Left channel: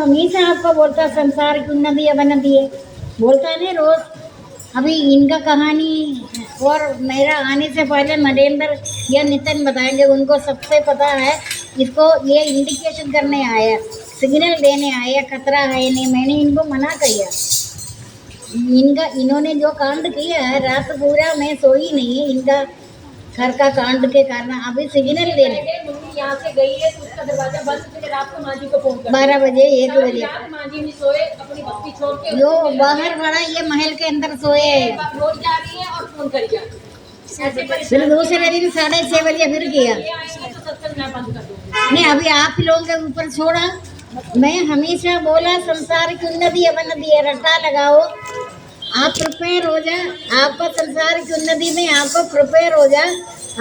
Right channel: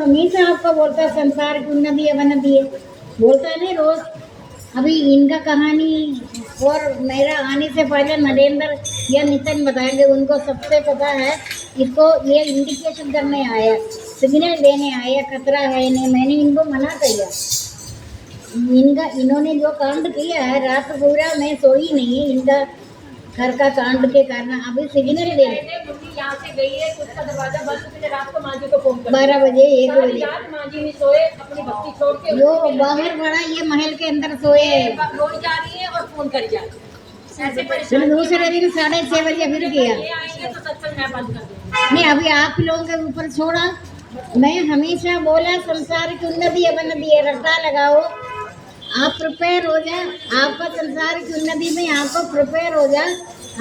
हमेशा आपको बोलता है संसार की उन्नति है वन्नति है, बोलता है ना रोज। अभी इनका कहानी और मेरा आने से पहले नरेंद्र या नितिन बताएंगे, उनको सबसे पता है। इसको ये इंडिकेशन करने आया, सिग्नल देने आया खतरा है नहीं। मैंने इनको मना किया। इन्होंने जो कांड किया है, रात पूरा मैं सोई नहीं, इनका घर का कांड के कारण। अभी सिग्नल दे रहे, मम्मी यहाँ से गई है तो उसका दरवाजा बंद, फिर रात को माँ जी को फोन कर 12 बजे 1 सारी बजे रात माँ जी नहीं सोए, अपनी भक्ति छोड़ के जो बाहर पड़ा, ये महल के अंदर सोए। रोज जा रही है और फोन करी जा रही है। ऐसे फिर परेशान दूसरे दिन 6:30 बजे फिर किया। ये आएंगे तो सत्संग मैं बंद कर दूंगी। नहीं, अभी आप ही लोगों के ऊपर छोड़ा। मैं हमेशा बोला संसार की उन्नति है वन्नति है, रट्टा लगाओ। आप प्रिपेयर हो जा, आपका संसार की उन्नति में आपको प्रिपेयर हो जा।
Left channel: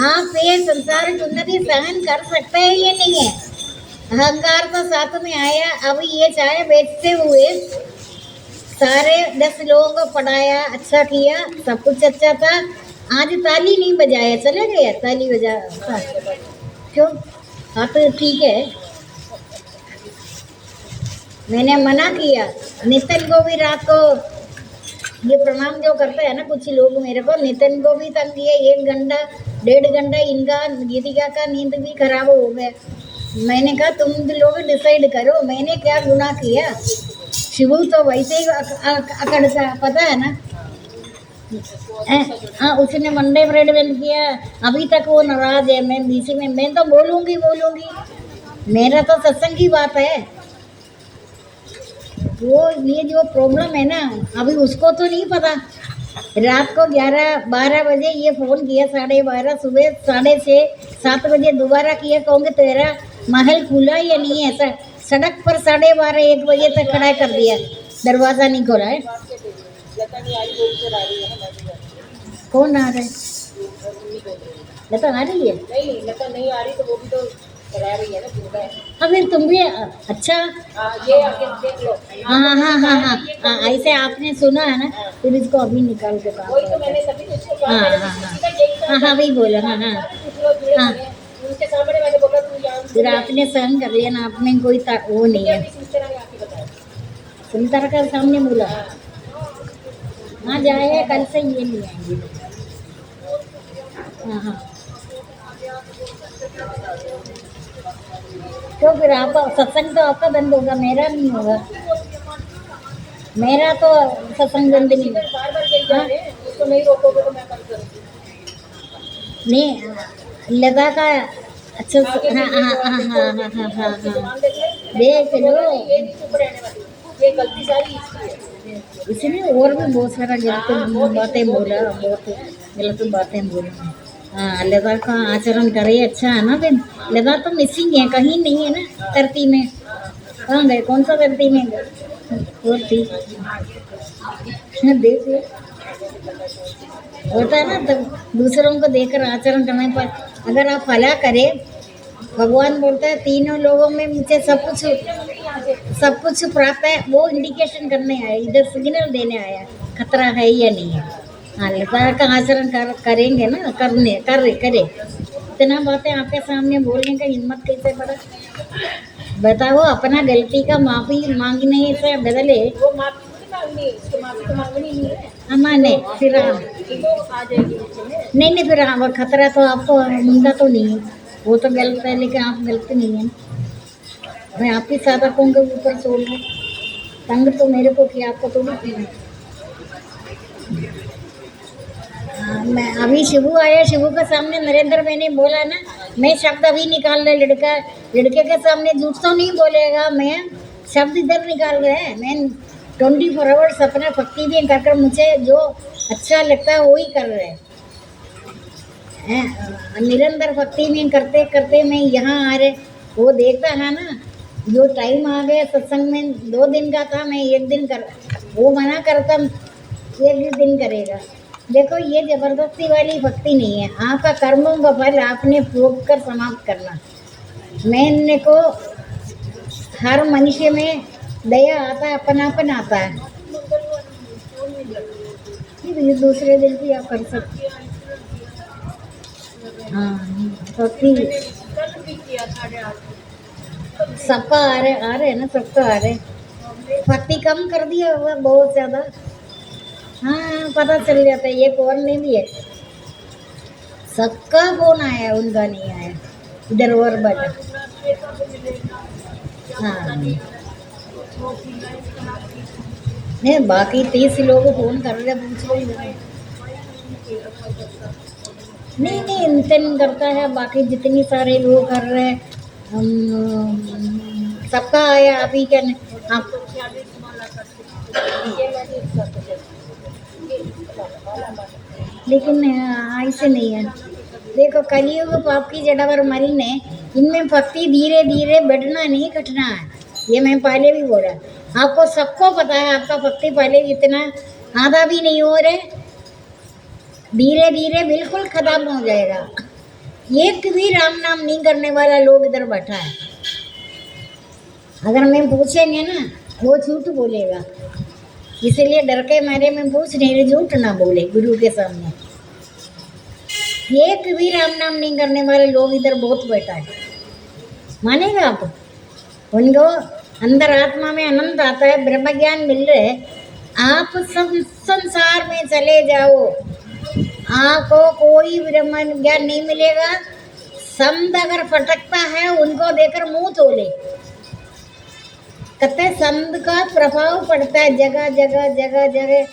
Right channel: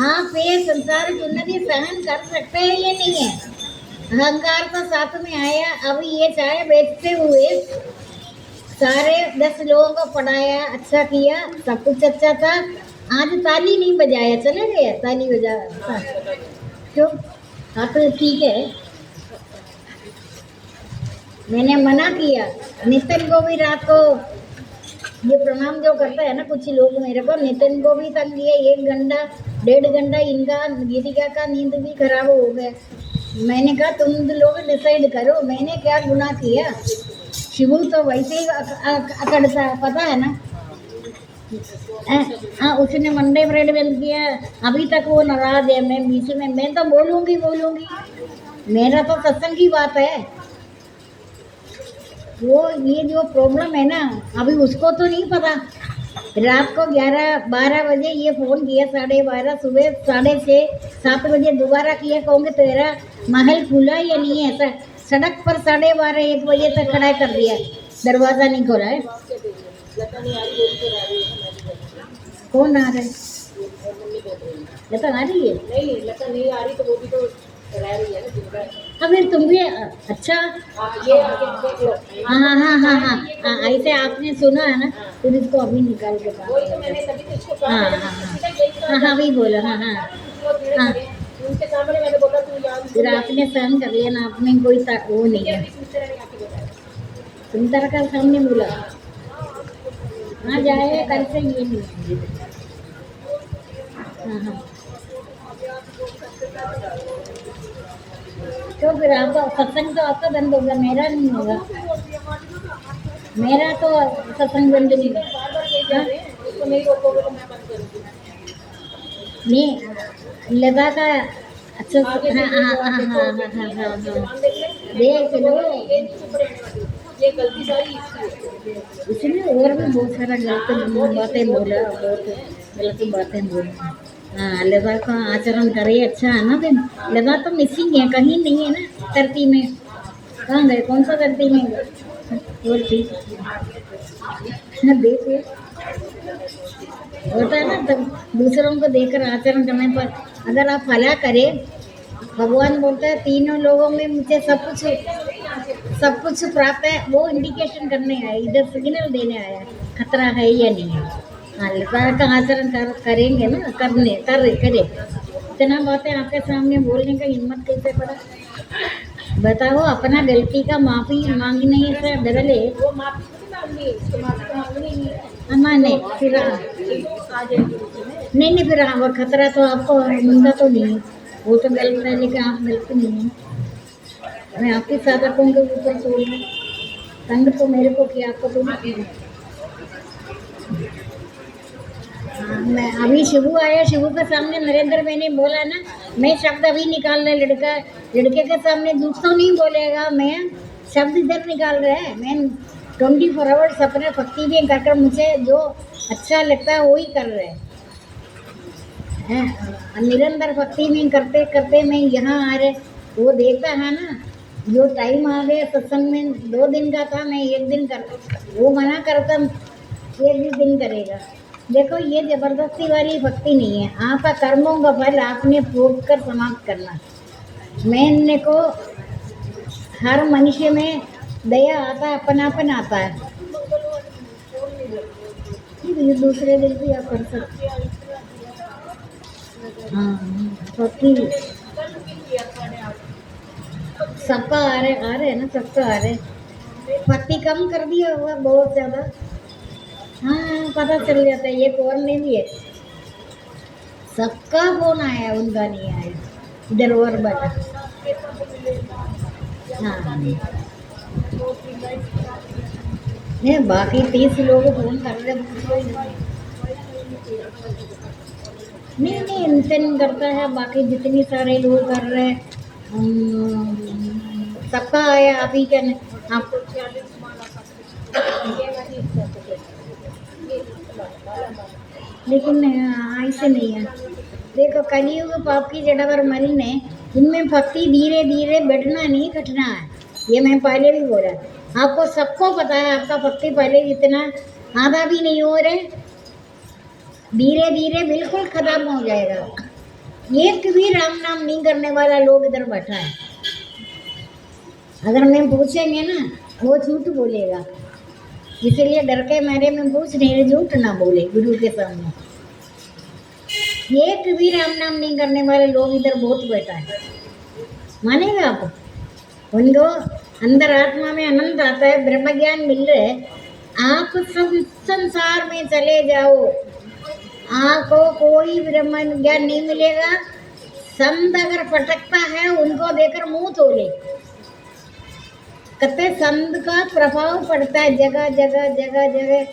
आप ये संसार की उन्नति सहन कर सकते हैं ये नहीं है। अहंकार तो साथ में आया। अब ये चाय बेचते हुए सारे 10 लोगों को पढ़ाया, अच्छा किया, सब कुछ अच्छा था। आज ताली नहीं बजाया, चले गया ताली बजा। क्यों? हाँ तो ठीक है, मैंने मना किया। नितिन को भी रात को ये प्रणाम जो करते हैं ना कुछ लोग मेरे को, नितिन को भी तंग किए। 1 घंटा 1.5 घंटा इनका गीतिका का नींद भी खराब हो गया। मैंने कहा तुम लोग डिसाइड करो, मैंने क्या गुनाह किया। शिवू तो वैसे ही अकड़ता है, पता है ना। हाँ, उसने मंडे ब्रेड बन किया, अभी तक वो नाराज है। मैं बीच में मैं तो बोलूँगी, मेरा तो सत्संग की बात है। वो ये जो प्रॉब्लम है ना, अभी उसको तो नहीं पता। रात को 11-12 बजे ये फ़ोन किया, 12:30, सुबह 6:30 7 बजे दोबारा किया। कहूँगे तेरा महल खुला या नहीं है? सड़क पर 12:30-1 बजे तक खड़ा कर दिया, दरवाज़ा नहीं खोला है। कौन आ रहा है? लता आ रही है? नहीं, लता नहीं आ रही तो वो भी तो करा रही है ना जिनका। अबे तुम भी अच्छा। ये आगे देख लो। हाँ, ऐसे आपने सुना है ना, फिर इसको अभी निकाल के बात। वही तो मैंने तभी तो इसको कहा, मैंने किसी का यही कहा। हाँ वही बोला। हाँ, कुछ लोग जुड़े पड़े हैं, उनके सामने मैंने बोला तू यहाँ फिर आपने सहन कर लिया ना, आपने कोई वो नहीं है। सुनते रहे आके बताया। सुनीता का सामने बोला हाँ जाए, कल से ये नहीं आएंगे। हाँ, तो फिर आप सत्संग तो आपका बंद होगा, मेरा नहीं होगा। मेरा तो सत्संग बंद नहीं। बार कही जा रहे हैं, उसको नहीं रोकोगे तो मैं बंद करूँगी। नहीं, लगा का अच्छा। हाँ, देख लो, ये नहीं चुप रहने वाली, ये गलती सारी इसकी है। इसलिए और भी बहुत सारा गलत बातें बोला, बहुत गलत बातें बोला। हाँ, लगा का आचरण करे, अच्छा है ना। फिर लगा तो मिसिंग है, कहीं नहीं है ना धरती में। कहाँ गए? कौन सा धरती में गए? और ठीक देख लो, होता है ना। तब दूसरों को देखकर आचरण करने पर अगर आप भला करें, भगवान बोलता है तीनों लोगों में मुझे सब कुछ प्राप्त है। वो इंडिकेशन करने आया, इधर सिग्नल देने आया खतरा है या नहीं है। हाँ, लता का आचरण करेंगे ना, करे। इतना बातें आपके सामने बोलने का हिम्मत कैसे पड़ा? बताओ, अपना गलती का माफी मांगने से बदले वो माफी नहीं मांगनी, इसको माफी तो मांगनी नहीं है। नहीं, फिर तो आ जाएगी नीचे में। नहीं, फिर वो खतरा तो आपको मुंडा तो नहीं है, वो तो गलत है, लेकिन आप गलत नहीं है। मैं आपके साधकों के ऊपर छोड़ दूँ, तंग तो मेरे को किया, आपको तो नहीं किया। हाँ, मैं अभी शिवू आया, शिवू के सामने नरेंद्र मैंने बोला ना, मैं शब्द अभी निकाल रहा। लड़के के सामने झूठ तो नहीं बोलेगा, मैं शब्द इधर निकाल रहे हैं। मैं 24 आवर्स अपना भक्ति भी कर मुझे जो अच्छा लगता है वही कर रहे हैं। निरंतर भक्ति में करते करते मैं यहाँ आ रहे, वो देखता है ना, जो टाइम आ गया सत्संग में 2 दिन का था, मैं 1 दिन कर, वो मना करता 1 दिन करेगा। देखो, ये जबरदस्ती वाली भक्ति नहीं है। आपका कर्मों का फल आपने भोग कर समाप्त करना। मैंने को हर मनुष्य में दया आता है, अपनापन आता है। ये दूसरे दिन भी आप कर सकते। हाँ, भक्ति। सबका आ रहे हैं ना, सबका आ रहे। भक्ति कम कर दिया हुआ बहुत ज्यादा। हाँ पता चल जाता है ये कौन नहीं भी है। सबका फोन आया, उनका नहीं आया। इधर और बटा। हाँ नहीं, बाकी 30 लोग फोन कर रहे पूछ रहे हैं। नहीं नहीं, इनसे नहीं करता है, बाकी जितनी सारे लोग कर रहे हैं। सबका आया अभी क्या आप। लेकिन ऐसे नहीं है। देखो कलयुग पाप की जड़ा पर मरने, इनमें भक्ति धीरे धीरे बढ़ना नहीं घटना है। ये मैं पहले भी बोला, आपको सबको पता है आपका भक्ति पहले इतना आधा भी नहीं हो रहे, धीरे धीरे बिल्कुल खत्म हो जाएगा। एक भी राम नाम नहीं करने वाला लोग इधर बैठा है। अगर मैं पूछेंगे ना वो झूठ बोलेगा, इसलिए डर के मारे में पूछ नहीं रही, झूठ ना बोले गुरु के सामने। एक भी राम नाम नहीं करने वाले लोग इधर बहुत बैठा है, मानेगा आप? उनको अंदर आत्मा में आनंद आता है, ब्रह्म ज्ञान मिल रहे है। आप सब संसार में चले जाओ, आपको कोई ब्रह्म ज्ञान नहीं मिलेगा। संत अगर फटकता है उनको देखकर मुंह तोले। कहते संत का प्रभाव पड़ता है जगह जगह जगह जगह।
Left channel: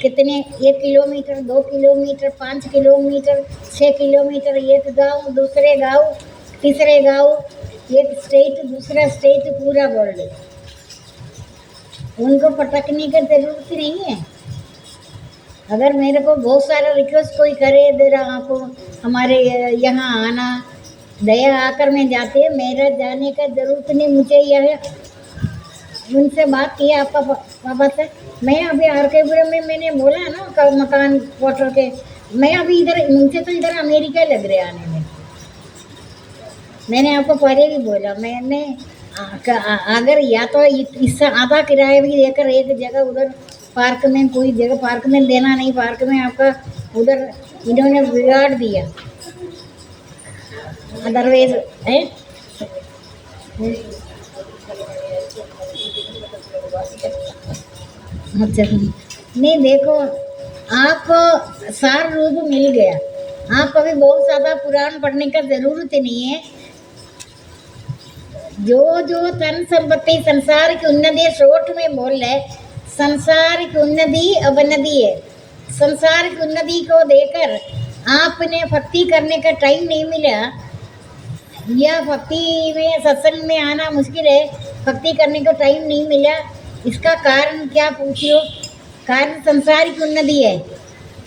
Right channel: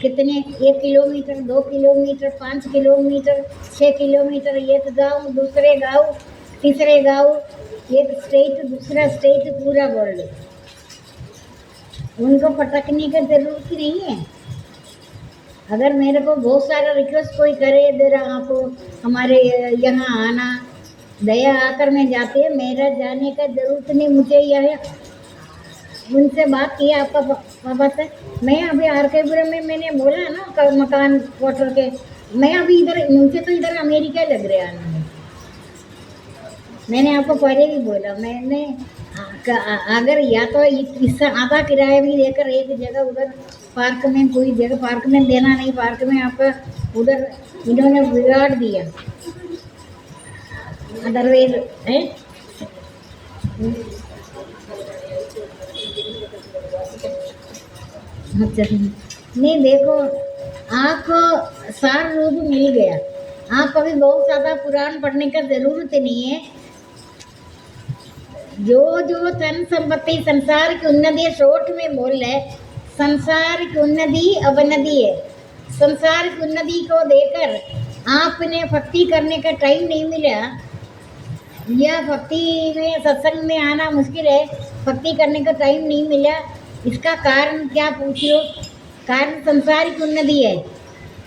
कितने 1 किलोमीटर 2 किलोमीटर 5 किलोमीटर 6 किलोमीटर, एक गांव दूसरे गांव तीसरे गांव, एक स्टेट दूसरा स्टेट, पूरा वर्ल्ड। उनको पटकने की जरूरत नहीं है। अगर मेरे को बहुत सारा रिक्वेस्ट कोई करे जरा आपको हमारे यहाँ आना, दया आकर मैं जाती है, मेरा जाने का जरूरत नहीं। मुझे यह उनसे बात किया आपका पापा से। मैं अभी आरकेपुरम में मैंने बोला ना मकान क्वार्टर के, मैं अभी इधर मुझे तो इधर अमेरिका लग रहा आने में। मैंने आपको पहले भी बोला, मैंने अगर या तो इससे आधा किराया भी देकर एक जगह उधर पार्क में, कोई जगह पार्क में देना नहीं, पार्क में आपका उधर इन्होंने बिगाड़ दिया। अदरवाइज है अच्छा नहीं। देखो आपको सार रूप मिल गया, आप अभी बहुत ज़्यादा पुराण पढ़ने का जरूरत नहीं है। जो जो धन संपत्ति संसार की उन्नति, शॉर्ट में बोल रहे संसार की उन्नति अवनति है। संसार की उन्नति को देकर आपने भक्ति करने का टाइम नहीं मिला, या भक्ति में सत्संग में आना मुश्किल है, भक्ति करने का टाइम नहीं मिला। इसका कारण क्या पूछियो? कारण संसार की उन्नति है।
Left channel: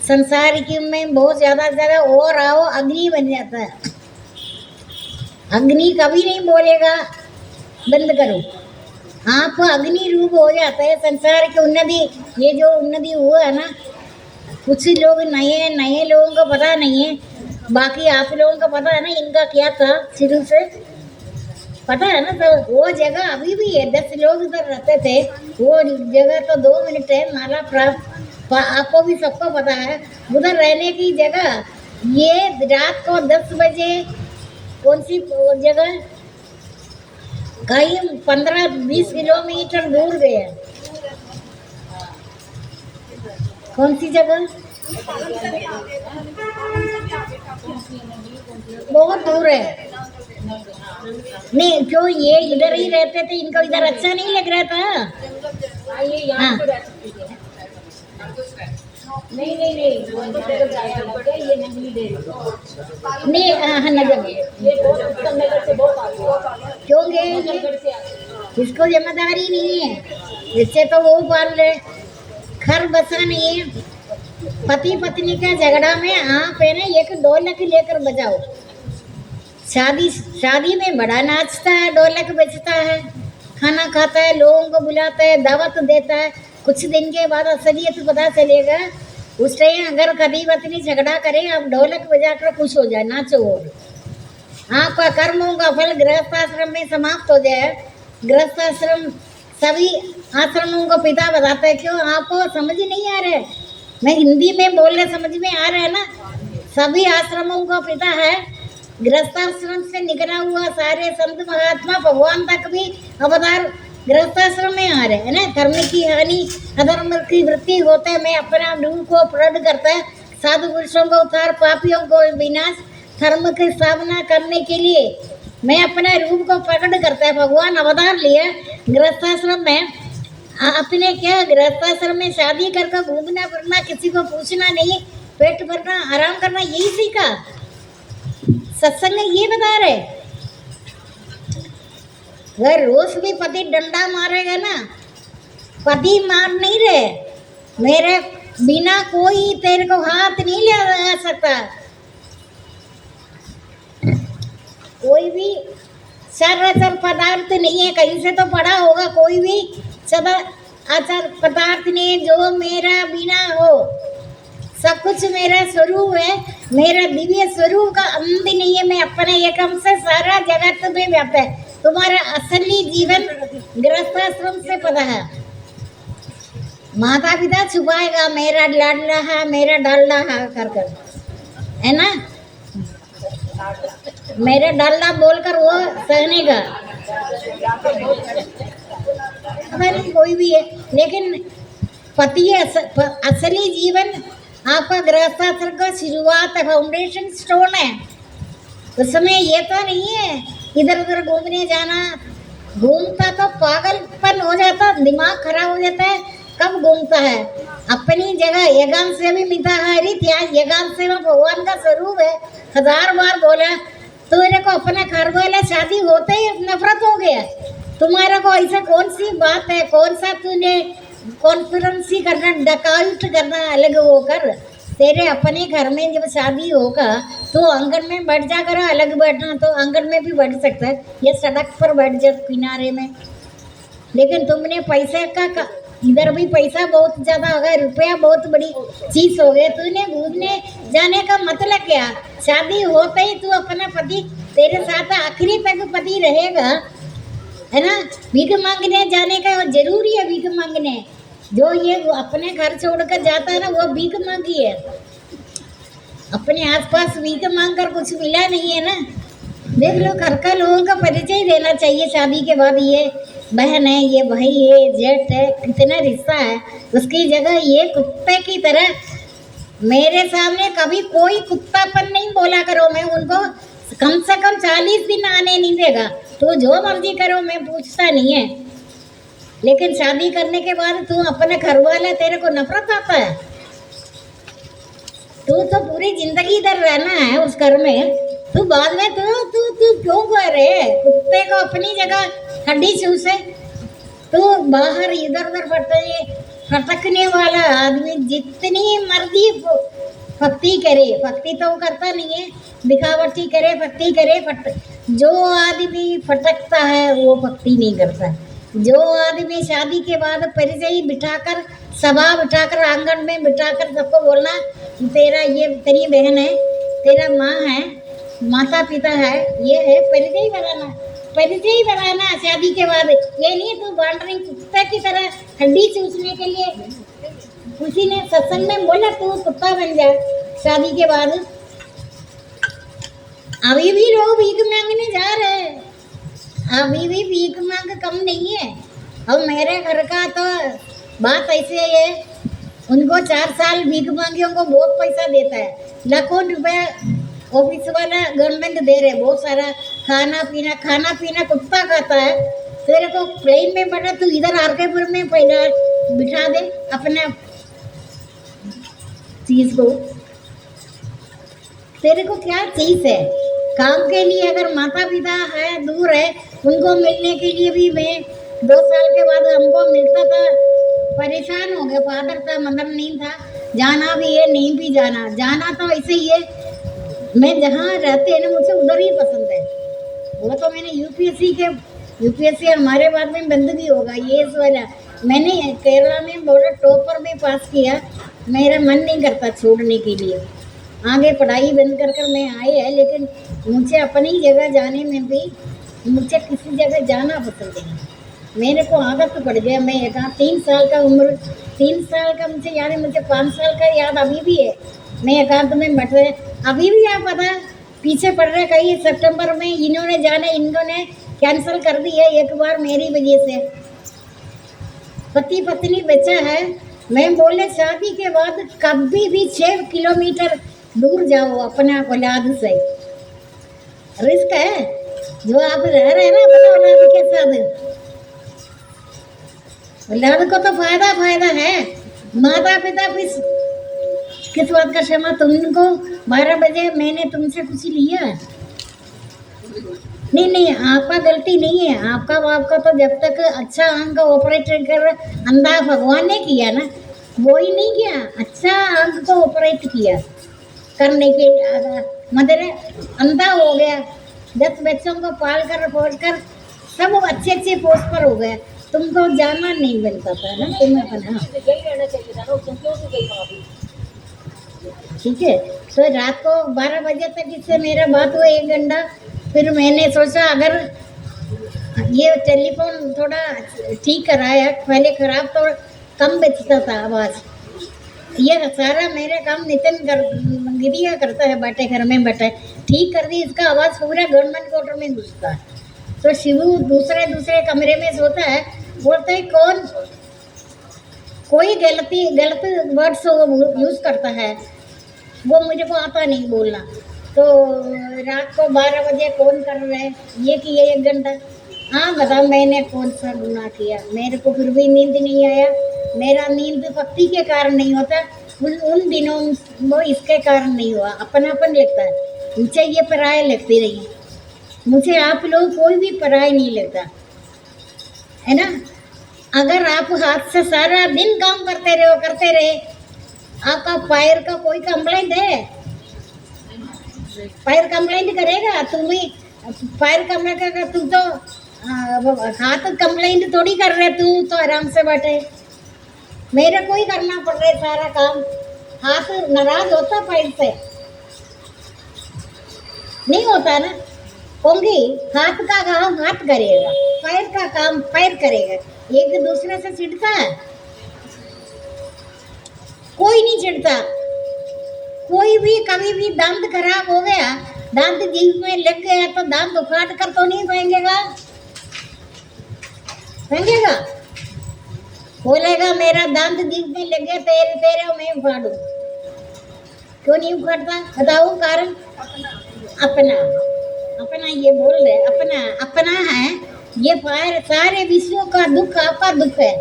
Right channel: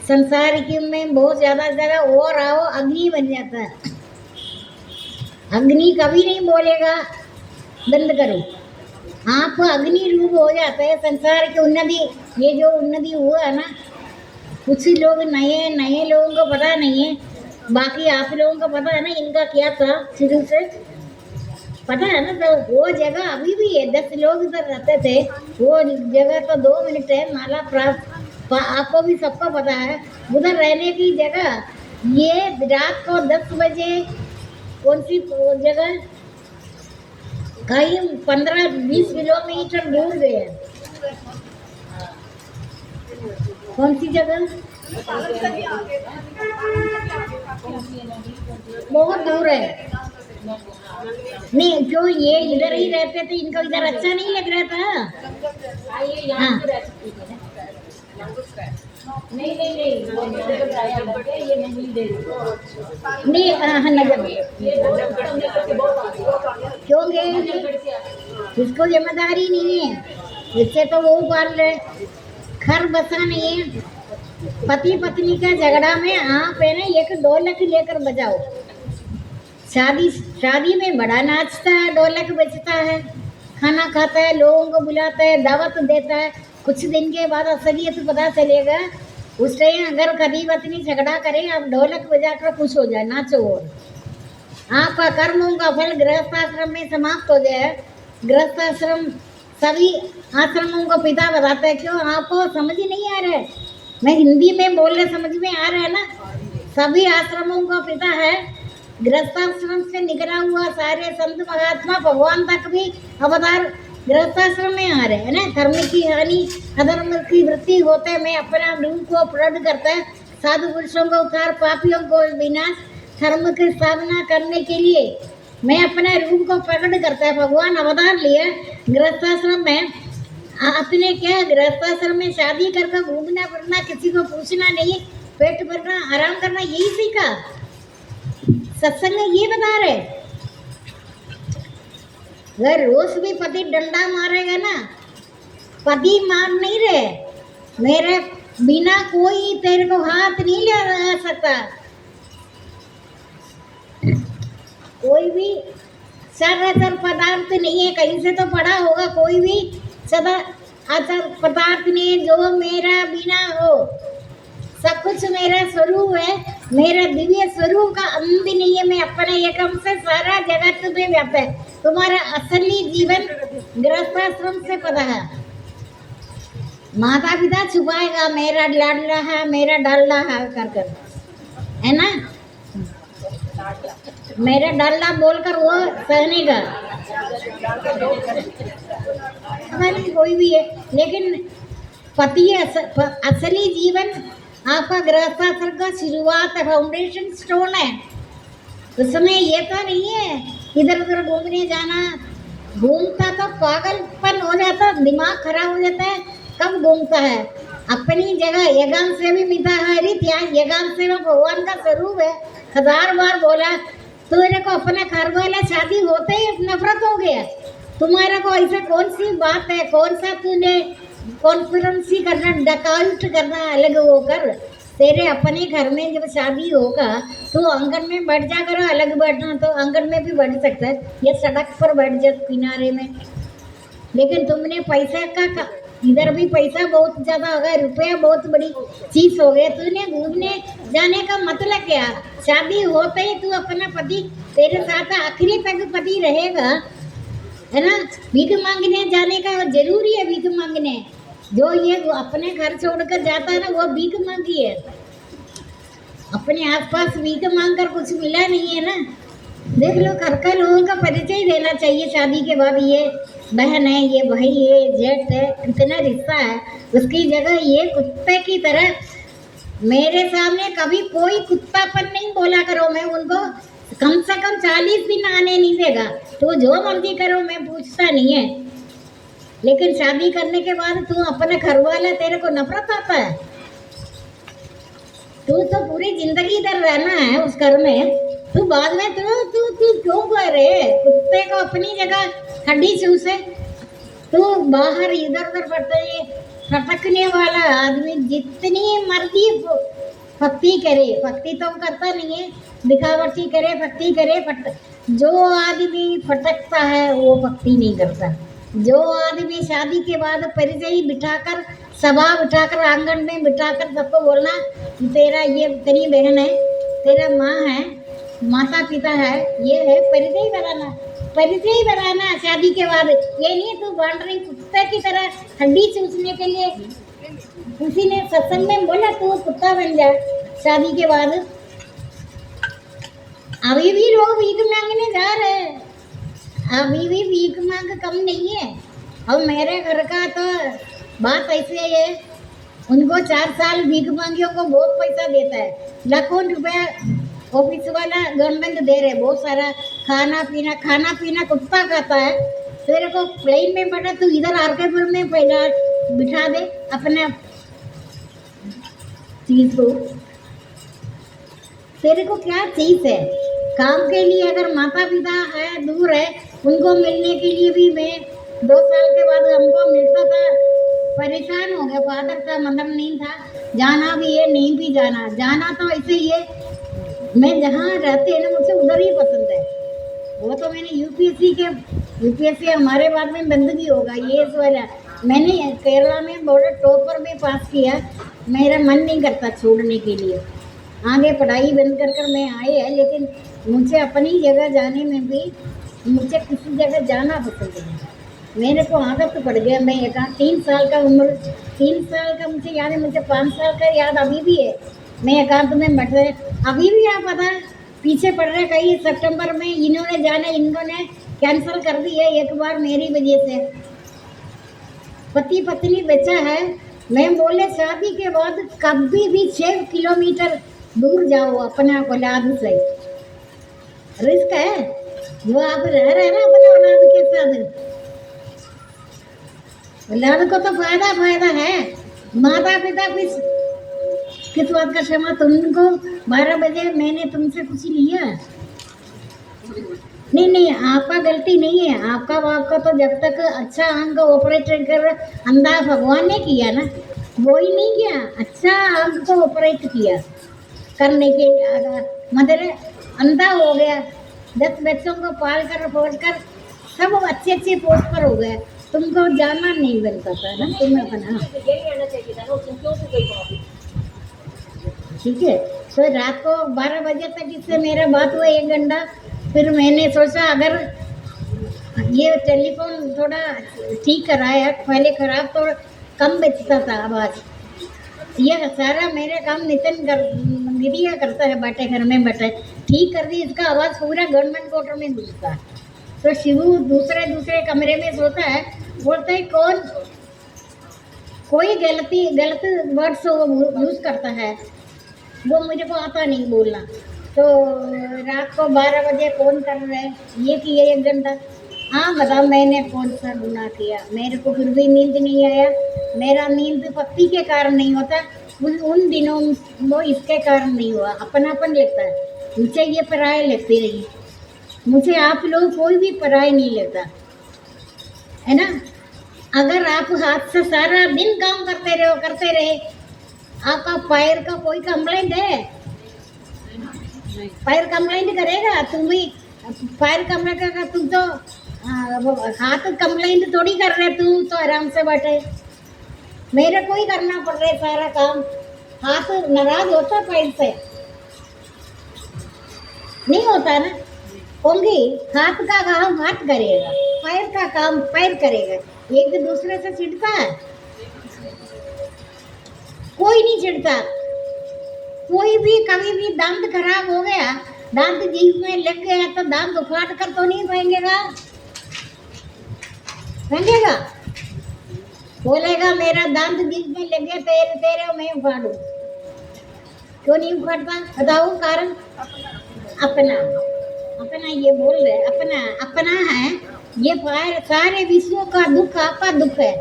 संसार की में बहुत ज़्यादा और आओ अग्नि बन जाता है। अग्नि कभी नहीं बोलेगा बंद करो, आप अग्नि रूप हो जाता है। संसार की उन्नति, ये जो उन्नति हुआ है ना, कुछ लोग नए नए लोगों को पता नहीं है, बाकी आप लोगों को पता है ना इनका क्या था शुरू से, पता है ना। तो वो जगह अभी भी है, 10 लोग उधर रहते थे, वो जगह तो 2 मिनट है नाला प्राप्त, आपको भी सबको पता है। उधर रहने की जगह ये रात को 10 बजे कौन सी जगह, कहीं 15-20 किलोमीटर दूर गए। कौन सी जगह? बहुत दूर है। नहीं क्यों, ये इधर ही रहते थे, इनको इधर अच्छा नहीं लग रहा था। हाँ। नहीं नहीं नहीं, ये नहीं दे नहीं, हाँ नगर क्यों गए? इसको जिम्मेदारी नहीं है, इससे तो वो पाल रहे, घर बसा नहीं है। पति पत्नी का झगड़ा में आप है ना 1 ढोलक लेकर बजाओ। शादी में बड़ा नाचता है, ढोलक बजता है, खाना खाता है, लोगों को बुलाता है, दावत देता है। कुछ दिन के बाद असलियत पता चलेगा। उस टाइम अगर कभी पत्नी झगड़ा करे, आप ढोलक बजाकर खुश हो जाए, नाचो। और आपका कर्मों का फल गृहस्थ आश्रम में समाप्त हो जाए। गृहस्थ आश्रम सभी आश्रमों को पिता बताते हैं। क्यों आपको समझ नहीं आ रहा है? मैं हिंदी में बोल रहे, समझ में आ रहा है ना? सभी आश्रमों को पिता है। गृहस्थाश्रम से निकला हुआ सारे संत महात्मा भगवान तक भी अवतार गृहस्थाश्रम में आ रहे हैं ना। धर्म की हानि अधर्म की वृद्धि होते में अपना रूप को प्रकट करता है, साधु पुरुषों को उद्धार पापियों को विनाश, धर्म की स्थापना करने के लिए मैं अपने रूप को प्रकट करता है। भगवान अवतार लिया गृहस्थाश्रम में। अपने क्या गृहस्थाश्रम में शादी करके घूमना फिरना, किसी को पूछना नहीं, पेट भरना आराम करना, यही सीखा सत्संग में ये बता रहे। अगर रोज भी पति डंडा मारेगा ना, पति मार नहीं रहे, मेरे बिना कोई तेरे को हाथ नहीं लगा सकता। कोई भी सर्वचर पदार्थ नहीं है, कहीं से तो पढ़ा होगा, कोई भी सदा आचार पदार्थ नहीं है जो मेरा बिना हो। सब कुछ मेरा स्वरूप है, मेरा दिव्य स्वरूप का अंत नहीं है। मैं अपने एकम से सारा जगत में व्याप्त है। तुम्हारा असली जीवन गृहस्थाश्रम से पता है। माता पिता छुपाएगा मेरा लाडला है, मेरा डालना है कर कर, है ना, मेरा डालना बोलकर वो सहने का नहीं कोई भी है। लेकिन पति असली जीवन आपका गृहस्थाश्रम का शुरुआत है, फाउंडेशन स्टोन है। उसमें ये तो नहीं है इधर उधर घूमने जाना। घूमता तो पागलपन हो जाता, दिमाग खराब हो जाता है। कब घूमता है अपनी जगह, एकांत से भी मिलता है। एकांत से भगवान का स्वरूप है। 1000 बार बोला तुमने को अपना घर वाला शादी होते ही नफरत हो गया। तुम्हारा को ऐसा कौन सी बात है, कौन सा तूने कॉन्फ्रेंसी करना, डकाउट करना अलग होकर। तेरे अपने घर में जब शादी होगा तो आंगन में बैठ जा कर, अलग बैठना तो आंगन में भी बैठ सकता है, ये सड़क पर बैठ जा किनारे में। लेकिन तुमने पैसे का इधर भी पैसा बहुत ज़्यादा हो गया, रुपया बहुत बड़ी चीज़ हो गया। तूने घूमने जाने का मतलब क्या? शादी होते ही तू अपना पति तेरे साथ आखिरी तक पति रहेगा, है ना। भीख मांगने जाने का जरूरी है, भीख मांगने। जो ये अपने घर छोड़कर जाता है ना, वो भीख मांगी है। अपने आसपास भीख मांग कर कुछ मिला नहीं है ना। देख लो, घर का लोगों का परिचय देना चाहिए शादी के बाद। ये बहन है, ये भाई है, जेठ है, कितना रिश्ता है। उसकी जगह ये कुत्ते की तरह मेरे सामने कभी कोई कुत्तापन नहीं बोला करो। मैं उनको कम से कम 40 दिन आने नहीं देगा। तो जो मर्जी करो, मैं पूछता नहीं है। लेकिन शादी करने के बाद तू अपने घर वाला, तेरे को नफरत आता है। तू तो पूरी जिंदगी इधर रहना है उस घर में। तू बाद में तू क्यों कह रहे? कुत्ते को अपनी जगह हड्डी चूसे, तू बाहर इधर उधर भटकने वाला आदमी जितनी मर्जी भक्ति करे, भक्ति तो करता नहीं है, दिखावटी करे, भक्ति करे। जो आदमी भटकता है वो भक्ति नहीं करता। जो आदमी शादी के बाद परिचय बिठाकर, सभा बिठाकर, आंगन में बिठाकर सबको बोलना तेरा ये तेरी बहन है, तेरा माँ है, माता पिता है, ये है, परिचय बनाना। परिचय बनाना शादी के बाद। ये नहीं तू वांडरिंग कुत्ते की तरह हड्डी चूसने के लिए। किसी ने सत्संग में बोला तू कुत्ता बन जा शादी के बाद। अभी भी लोग भीख मांगने जा रहे हैं, अभी भी भीख मांग कम नहीं है। और मेरे घर का तो बात ऐसे है, उनको 4 साल भीख मांगियों को बहुत पैसा देता है, लाखों रुपया ऑफिस वाला गवर्नमेंट दे रहे, बहुत सारा खाना पीना कुत्ता खाता है। तेरे को प्लेन में बैठा, तू इधर आरकेपुर में पहला बिठा दे अपना चीज को। तेरे को क्या चीज है? काम के लिए अगर माता पिता है दूर है, उनको मिलने के लिए भी मैं 2 साल के बाद हमको मिलता था, परेशान हो गया। फादर था, मदर नहीं था, जाना भी है नहीं भी जाना तो ऐसे ही है। मैं जहाँ रहते हैं ना, मुझे उधर ही पसंद है। वो तो मैंने यूपीएससी हमारे बाद में बंद भी होगा ये वाला। मैंने केरला में बॉर्डर टॉपर में पास किया, मेरा मन नहीं करता छोड़ने के लिए। आगे पढ़ाई बंद कर मैं आए है, लेकिन मुझे अपनी जगह जाने में भी, मुझे किसी जगह जाना पसंद है। मेरे को आदत तो पड़ गया। मैं 3 साल का उम्र, 3 साल का मुझे याद है, मुझे 5 साल का याद अभी भी है। मैं एकांत में बैठे, अभी भी आप पता पीछे पड़ रहे, कहीं सितंबर में इन्होंने जाना, इन्होंने कैंसिल कर दी है एक बार मेरी वजह से। पति पत्नी बचा है, मैं बोले शादी के बाद कभी भी 6 किलोमीटर दूर जाओ अपने औलाद से, रिस्क है। जो आप रह रहे हैं ना अपने औलाद के साथ, औलाद को तो फायदा है। माता पिता किस बात का क्षमा, तुमको 12 बजे मैंने तुमसे कुछ लिया? नहीं, आपका गलती नहीं है। आपका तो जब तक अच्छा आंख ऑपरेट कर अंधा भगवान ने किया ना, वो ही नहीं किया, अच्छा आंख को ऑपरेट किया करने के मतलब अंधा हो गया। 10 बच्चों को पाल कर फोड़ कर सब अच्छे पोस्ट पर हो गए। तुमको जाना नहीं मिलता था ना, तुम्हें अपना यही रहना चाहिए था ना, तुम क्यों से गई वहाँ पे? ठीक है। तो रात को 12 बजे तक इससे मेरा बात हुआ 1 घंटा। फिर मैंने सोचा अगर ये टेलीफोन थोड़ा ठीक कराया, पहले खराब तो कम बचता था आवाज़। ये सारा मेरा काम नितिन गिरिया करता है, बैठे घर में बैठे ठीक कर दी, इसका आवाज़ पूरा गवर्नमेंट क्वार्टर में घुसता है। तो शिवू दूसरे कमरे में सोता है, बोलता है कोई गलत वर्ड्स यूज़ करता है, वो मुझे को आता नहीं बोलना। तो रात को 12 बजे फ़ोन कर रहे हैं, ये किया 1 घंटा। हाँ बताओ मैंने कौन सा गुनाह किया? मेरे को फिर भी नींद नहीं आया। मेरा नींद पति के कारण नहीं होता, उन दिनों वो इसके कारण नहीं हुआ। अपनापन लगता है मुझे, ये पराया लगती रही, मुझे आप लोग कोई भी पराया नहीं लगता है ना। अगर आप हाथ से सारा दिन काम करते रहे, आपका पैर का कोई कंप्लेंट है? पैर कंप्लेंट करेगा? तुम ही पैर कंप्लेंट करेगा, तुम तो हाथ कंप्लेंट थोड़ी कर रहे, तू तो आराम से बैठे। मेरे को ही करना पड़ रहा है सारा काम। हाथ नाराज होता पैर से? नहीं होता ना। होंगी हाथ का काम हाथ करेगा, पैर का काम पैर करेगा। एक दूसरे से चिढ़ता है? कोई नहीं चिढ़ता। कोई भी कभी भी दांत खराब हो गया, दांत जीभ में लग गया तो दांत उखाड़ कर तो नहीं फेंकेगा? बोलेगा मेरा दांत जीभ में लग गया, तेरे मैं उखाड़ू। क्यों नहीं उखाड़ता? बताओ कारण। अपना ये बोल रहे, अपना है। ये सारे विश्व का दुख आपका दुख है।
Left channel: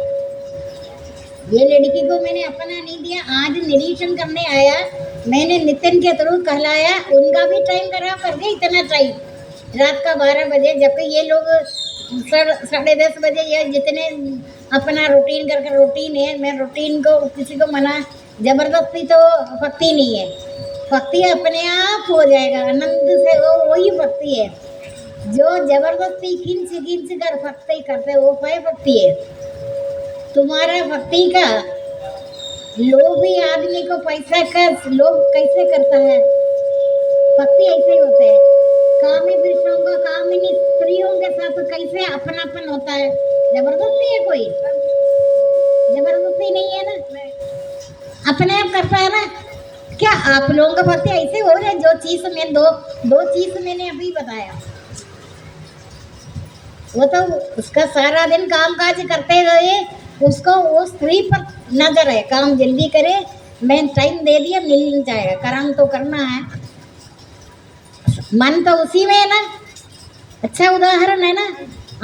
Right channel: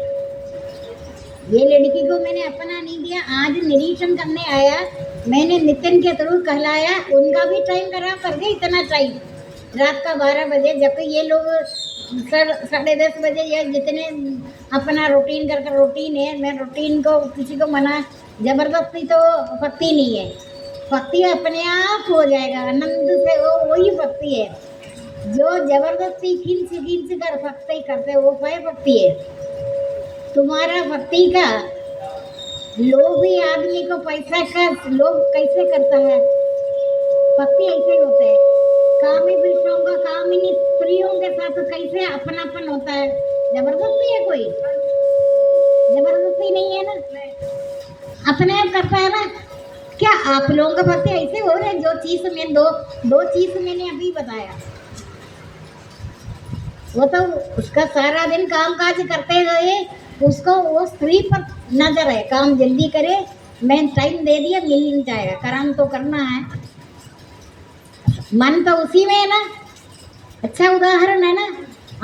ये लड़की को मैंने अपना नहीं दिया। आज निरीक्षण करने आया, मैंने नितिन के थ्रू कहलाया, उनका भी टाइम खराब कर दिया। इतना टाइम रात का 12 बजे, जबकि ये लोग 10:30 बजे ये जितने अपना रूटीन रूटीन है। मैं रूटीन को किसी को मना जबरदस्ती तो भक्ति नहीं है। भक्ति अपने आप हो जाएगा, आनंद से वही भक्ति है। जो जबरदस्ती खींच कर भक्ति करते वो भक्ति है। तुम्हारा भक्ति का लोभ ही आदमी को पैसा का लोभ कैसे करता है? भक्ति ऐसे ही होता है। कामी पुरुषों का कामिनी स्त्रियों के साथ कैसे अपनापन होता है? जबरदस्ती है? कोई जबरदस्ती नहीं है ना, अपने आप करता है ना। क्या आप लोगों का भक्ति ऐसे हो रहा है? जो चीज में दो चीज मैंने अभी बताया, वो तो उसका सारा दिन काम काज करते हुए उसको वो स्त्री पर नजर है, काम जल्दी करे, मैं टाइम दे दिया मिल जाएगा, काम तो करना है। मन तो उसी में है ना। अच्छा उदाहरण है ना।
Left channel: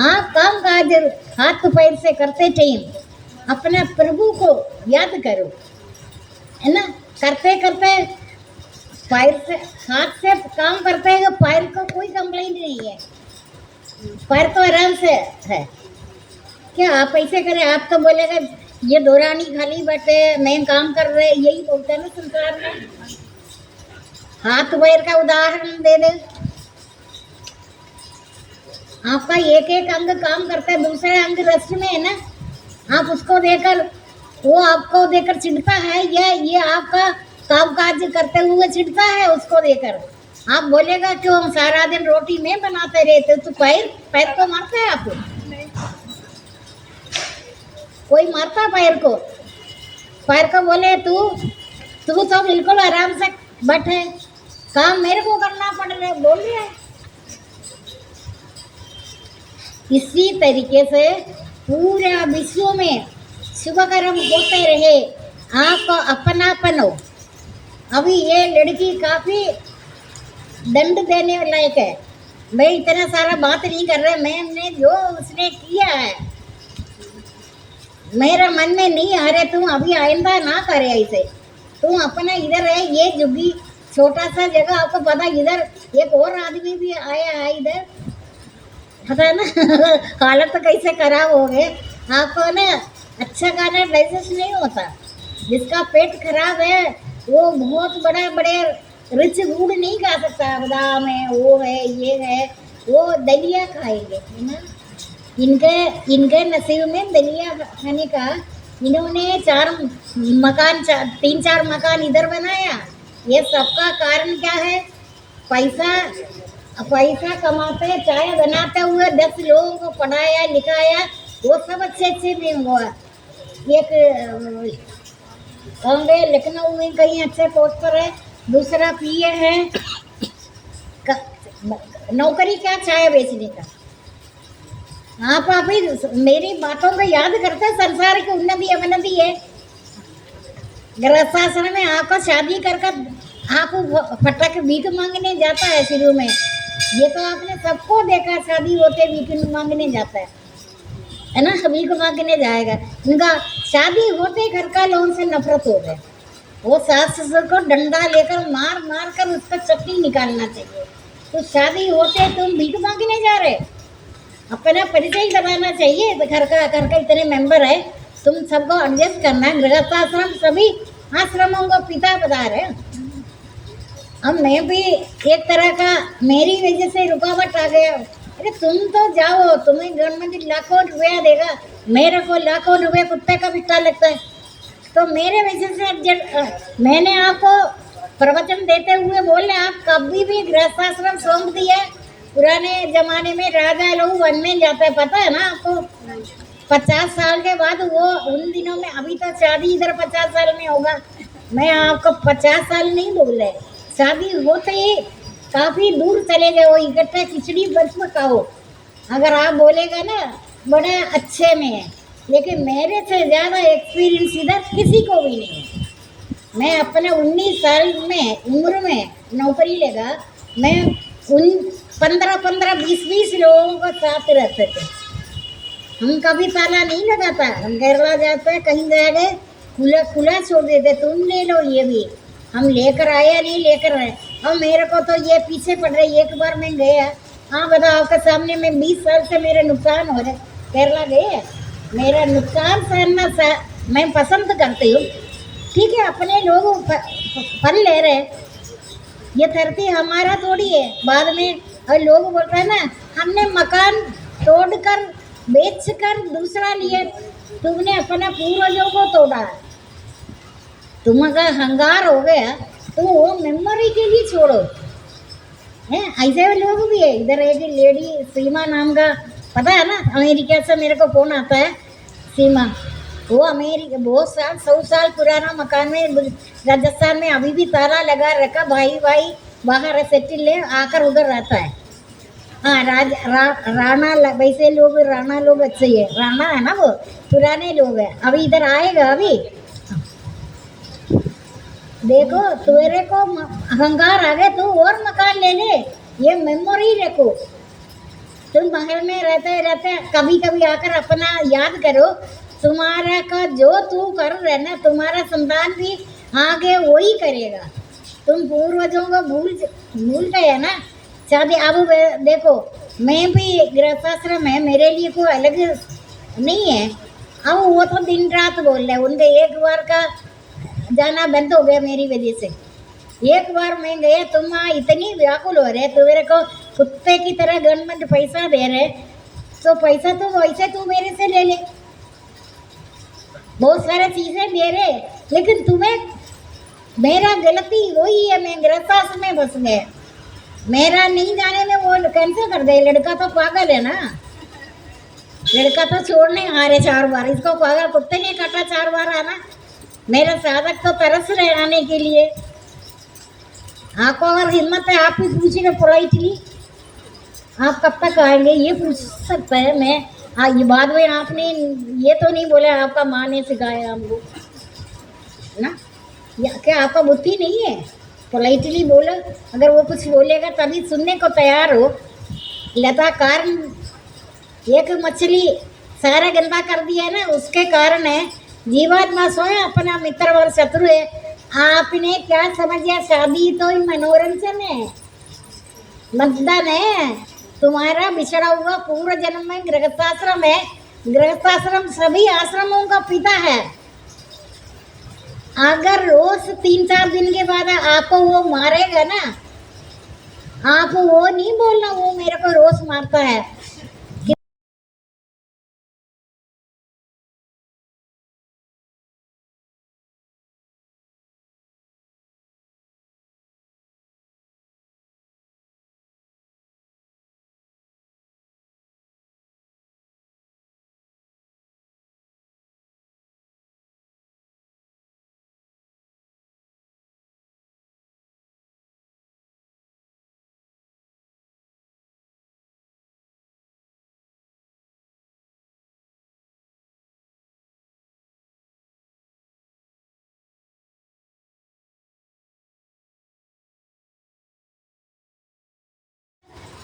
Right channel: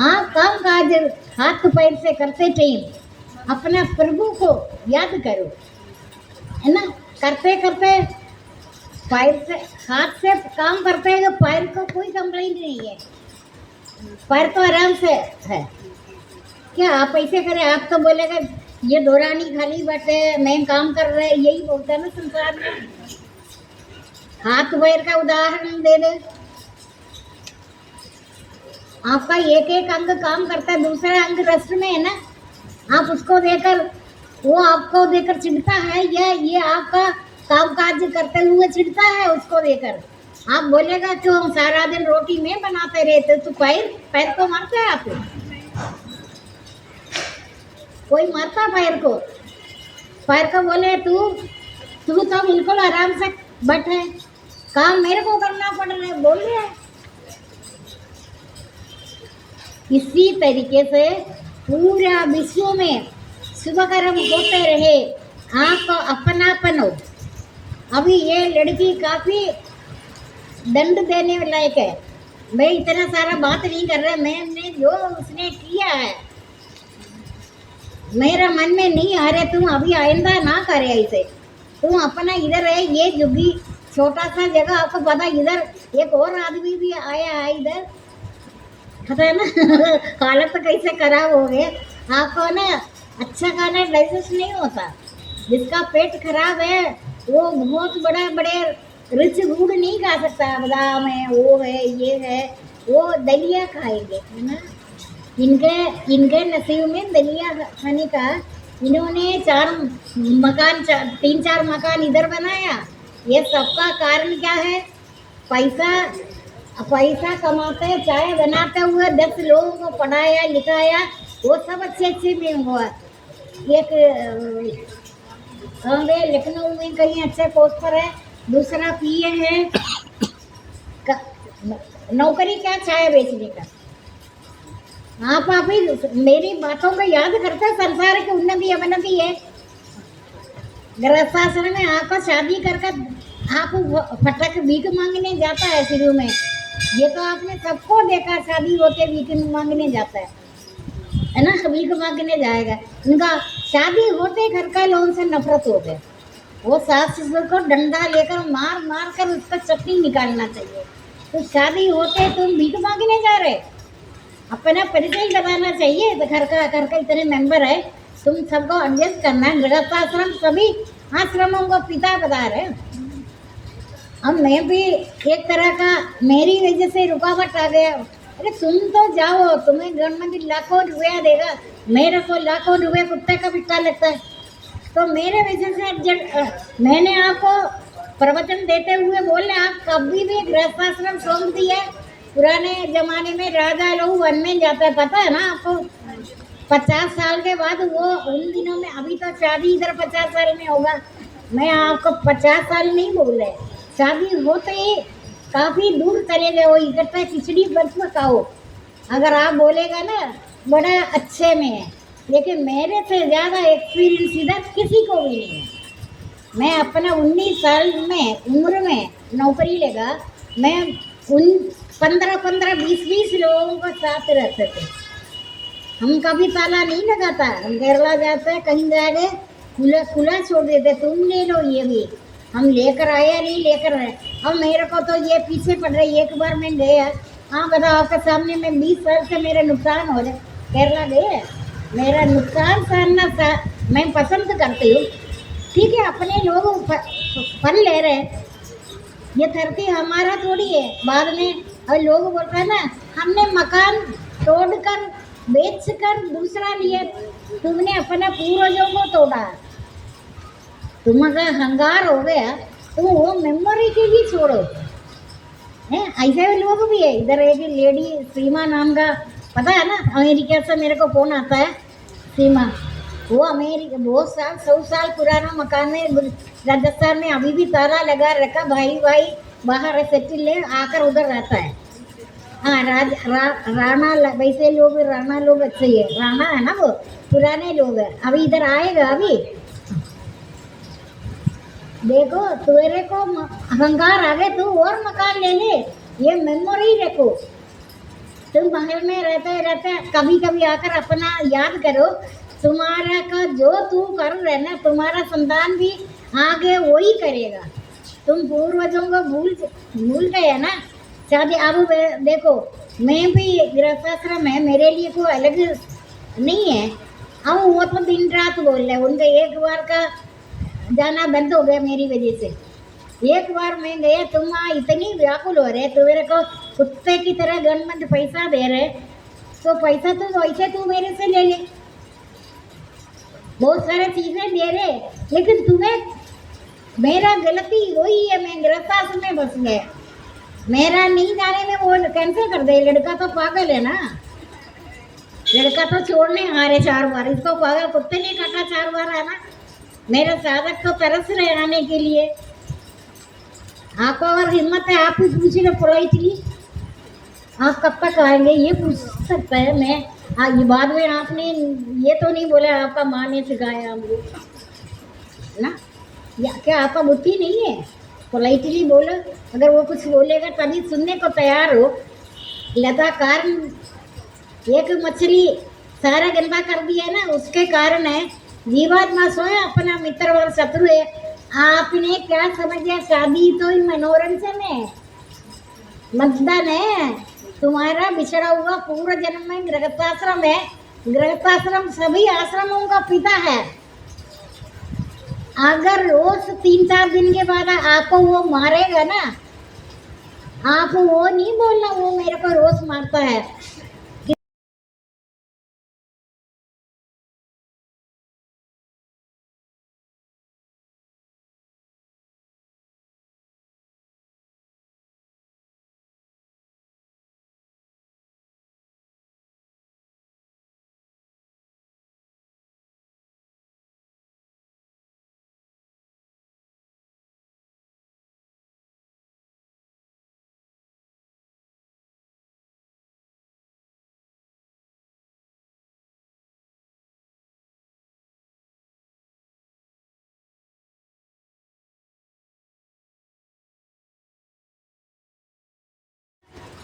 आप काम काज हाथ पैर से करते टाइम अपने प्रभु को याद करो, है ना। करते पैर से हाथ से काम करते हैं, पैर को कोई कंप्लेंट नहीं है, पैर तो आराम से है। क्या आप ऐसे करें? आप तो बोलेगा ये दौरानी खाली बैठे मैं काम कर रहे, यही बोलता है ना संसार में। हाथ पैर का उदाहरण दे दे। आपका एक अंग काम करता है, दूसरा अंग रेस्ट में है ना। आप उसको देकर, वो आपको देकर चिढ़ता है, ये आपका काम काज करते हुए चिढ़ता है उसको देकर। आप बोलेगा क्यों सारा दिन रोटी में बनाते रहते, तो पैर को मारते हैं आप? कोई मारता पैर को बोले तू तो बिल्कुल आराम से बैठे, काम मेरे को करना पड़ रहा है, बोल रहे हैं। इसी तरीके से पूरा विश्व में शुभ कर्म होते रहे, आपको अपनापन हो। अभी ये लड़की काफी दंड देने लायक है। मैं इतना सारा बात नहीं कर रहा, मैंने जो उसने किया है मेरा मन में नहीं आ रहा। तुम अभी आइंदा ना करे ऐसे। तुम अपना इधर है, ये जुगी छोटा सा जगह आपको पता, इधर एक और आदमी भी आया है इधर, पता है ना। हालत तो कैसे खराब हो गए। आपको ना अच्छा खाना डाइजेस्ट नहीं होता। जिसका पेट खराब है वो बहुत बड़े रिच फूड नहीं खा सकता। बादाम है, वो है, ये है, वो दलिया खाएंगे, है ना। इनके नसीब में दलिया खाने का। इन्होंने 3-4 मकान इधर बनाया। ये सबका कारण क्या है? पैसा कमाते, चाय बनाते हुए 10 लोगों को पढ़ाया लिखाया, वो सब अच्छे में हुआ। एक लखनऊ में कहीं अच्छे पोस्ट पर है, दूसरा पीए है। नौकरी क्या, चाय बेचने का। आप अभी मेरी बातों को याद करते, संसार की उन्नति अवनति है। गृहस्थाश्रम में आपको शादी कर आप फटक भीख मांगने जाता है शुरू में। ये तो आपने सबको देखा, शादी होते भीख मांगने जाता है ना। भीख मांगने जाएगा। उनका शादी होते घर का लोगों से नफरत हो गए। वो सास ससुर को डंडा लेकर मार कर उसका चटनी निकालना चाहिए। तो शादी होते तुम भीख मांगने जा रहे, अपना परिचय बताना चाहिए। तो घर का इतने मेंबर है, तुम सबको एडजस्ट करना है। गृहस्थाश्रम सभी आश्रमों को पिता बता रहे। अब मैं भी एक तरह का, मेरी वजह से रुकावट आ गया। अरे तुम तो जाओ, तुम्हें गवर्नमेंट लाखों रुपया देगा, मेरे को लाखों रुपये कुत्ते का बिट्टा लगता है। तो मेरे वजह से मैंने आपको प्रवचन देते हुए बोले, आप कभी भी गृहस्थाश्रम सौंप दिए। पुराने जमाने में राजा लोग वन में जाते हैं, पता है ना आपको। 50 साल के बाद वो उन दिनों में, अभी तो शादी इधर 50 साल में होगा, मैं आपको 50 साल नहीं बोल रहे। शादी होते ही काफ़ी दूर चले गए, वो इकट्ठा खिचड़ी बस में खाओ। अगर आप बोलेगा ना बड़ा अच्छे में है, लेकिन मेरे से ज़्यादा एक्सपीरियंस इधर किसी को भी नहीं है। मैं अपना 19 साल में उम्र में नौकरी लेगा, मैं उन 15 20 लोगों के साथ रहते थे। हम कभी ताला नहीं लगाता। हम केरला जाते कहीं जाएंगे, खुला छोड़ देते, तुम ले लो ये भी। हम लेकर आए या नहीं लेकर आए। अब मेरे को तो ये पीछे पड़ रही। एक बार मैं गया, हाँ बताओ, आपके सामने में 20 साल से मेरे नुकसान हो रहे। केरला गए, मेरा नुकसान सहना मैं पसंद करती हूँ। ठीक है, अपने लोग फल ले रहे हैं, ये धरती हमारा थोड़ी है। बाद में और लोग बोलते हैं ना, हमने मकान तोड़कर बेचकर दूसरा लिया। तुमने अपने पूर्वजों को तोड़ा। तुम अगर हंगार हो गया तो वो मेमोरी के लिए छोड़ो। हैं, ऐसे लोग भी है। इधर एक लेडी सीमा नाम का, पता है ना, अमेरिका से मेरे को फोन आता है। सीमा, वो अमेरिका बहुत 100 साल पुराना मकान में राजस्थान में अभी भी ताला लगा रखा। भाई बाहर सेटिल है, आकर उधर रहता है। हाँ, राणा वैसे लोग, राणा लोग अच्छे ही है। राणा है ना, वो पुराने लोग हैं। अभी इधर आएगा। अभी देखो, तेरे को अहंकार आ गया, तू और मकान ले ले। ये मेमोरी रखो। तुम महल में रहते कभी आकर अपना याद करो। तुम्हारा का जो तू कर रहे ना, तुम्हारा संतान भी आगे वही करेगा। तुम पूर्वजों को भूल गए ना। शादी अब देखो, मैं भी गृहस्थाश्रम है, मेरे लिए कोई अलग नहीं है। अब वो तो दिन रात बोल रहे, उनके एक बार का जाना बंद हो गया मेरी वजह से। एक बार मैं गया, तुम इतनी व्याकुल हो रहे, तो मेरे को कुत्ते की तरह गवर्नमेंट पैसा दे रहे, तो पैसा तो वैसे तू मेरे से ले ले। बहुत सारे चीजें दे रहे, लेकिन तुम्हें मेरा गलती वही है, मैं गृहस्थाश्रम में बस गया। मेरा नहीं जाने में वो कैंसिल कर दे। लड़का तो पागल है ना, लड़का तो छोड़ने आ रहे 4 बार। इसको पागल कुत्ते ने काटा 4 बार आना। मेरा साधक तो तरस रहे आने के लिए। आपको अगर हिम्मत है आप ही पूछिए पोलाइटली, आप कब तक आएंगे ये पूछ सकता है। मैं ये बाद में आपने ये तो नहीं बोला आपका माँ ने सिखाया हमको ना, या क्या आपका बुद्धि नहीं है? पोलाइटली बोलो, अगर वो कुछ बोलेगा तभी सुनने को तैयार हो। लगातार एक मछली सारा गंदा कर दिया ना, उसके कारण है जीवात्मा स्वयं अपना मित्र और शत्रु है। आपने क्या समझा? शादी तो ही मनोरंजन है, मतदान है। तुम्हारा बिछड़ा हुआ पूर्व जन्म में गृहस्थाश्रम है। गृहस्थाश्रम सभी आश्रमों का पिता है। अगर रोज 3-4 दिन के बाद आपको वो मारेगा ना, आप वो नहीं बोलना वो मेरे को रोज मारता है।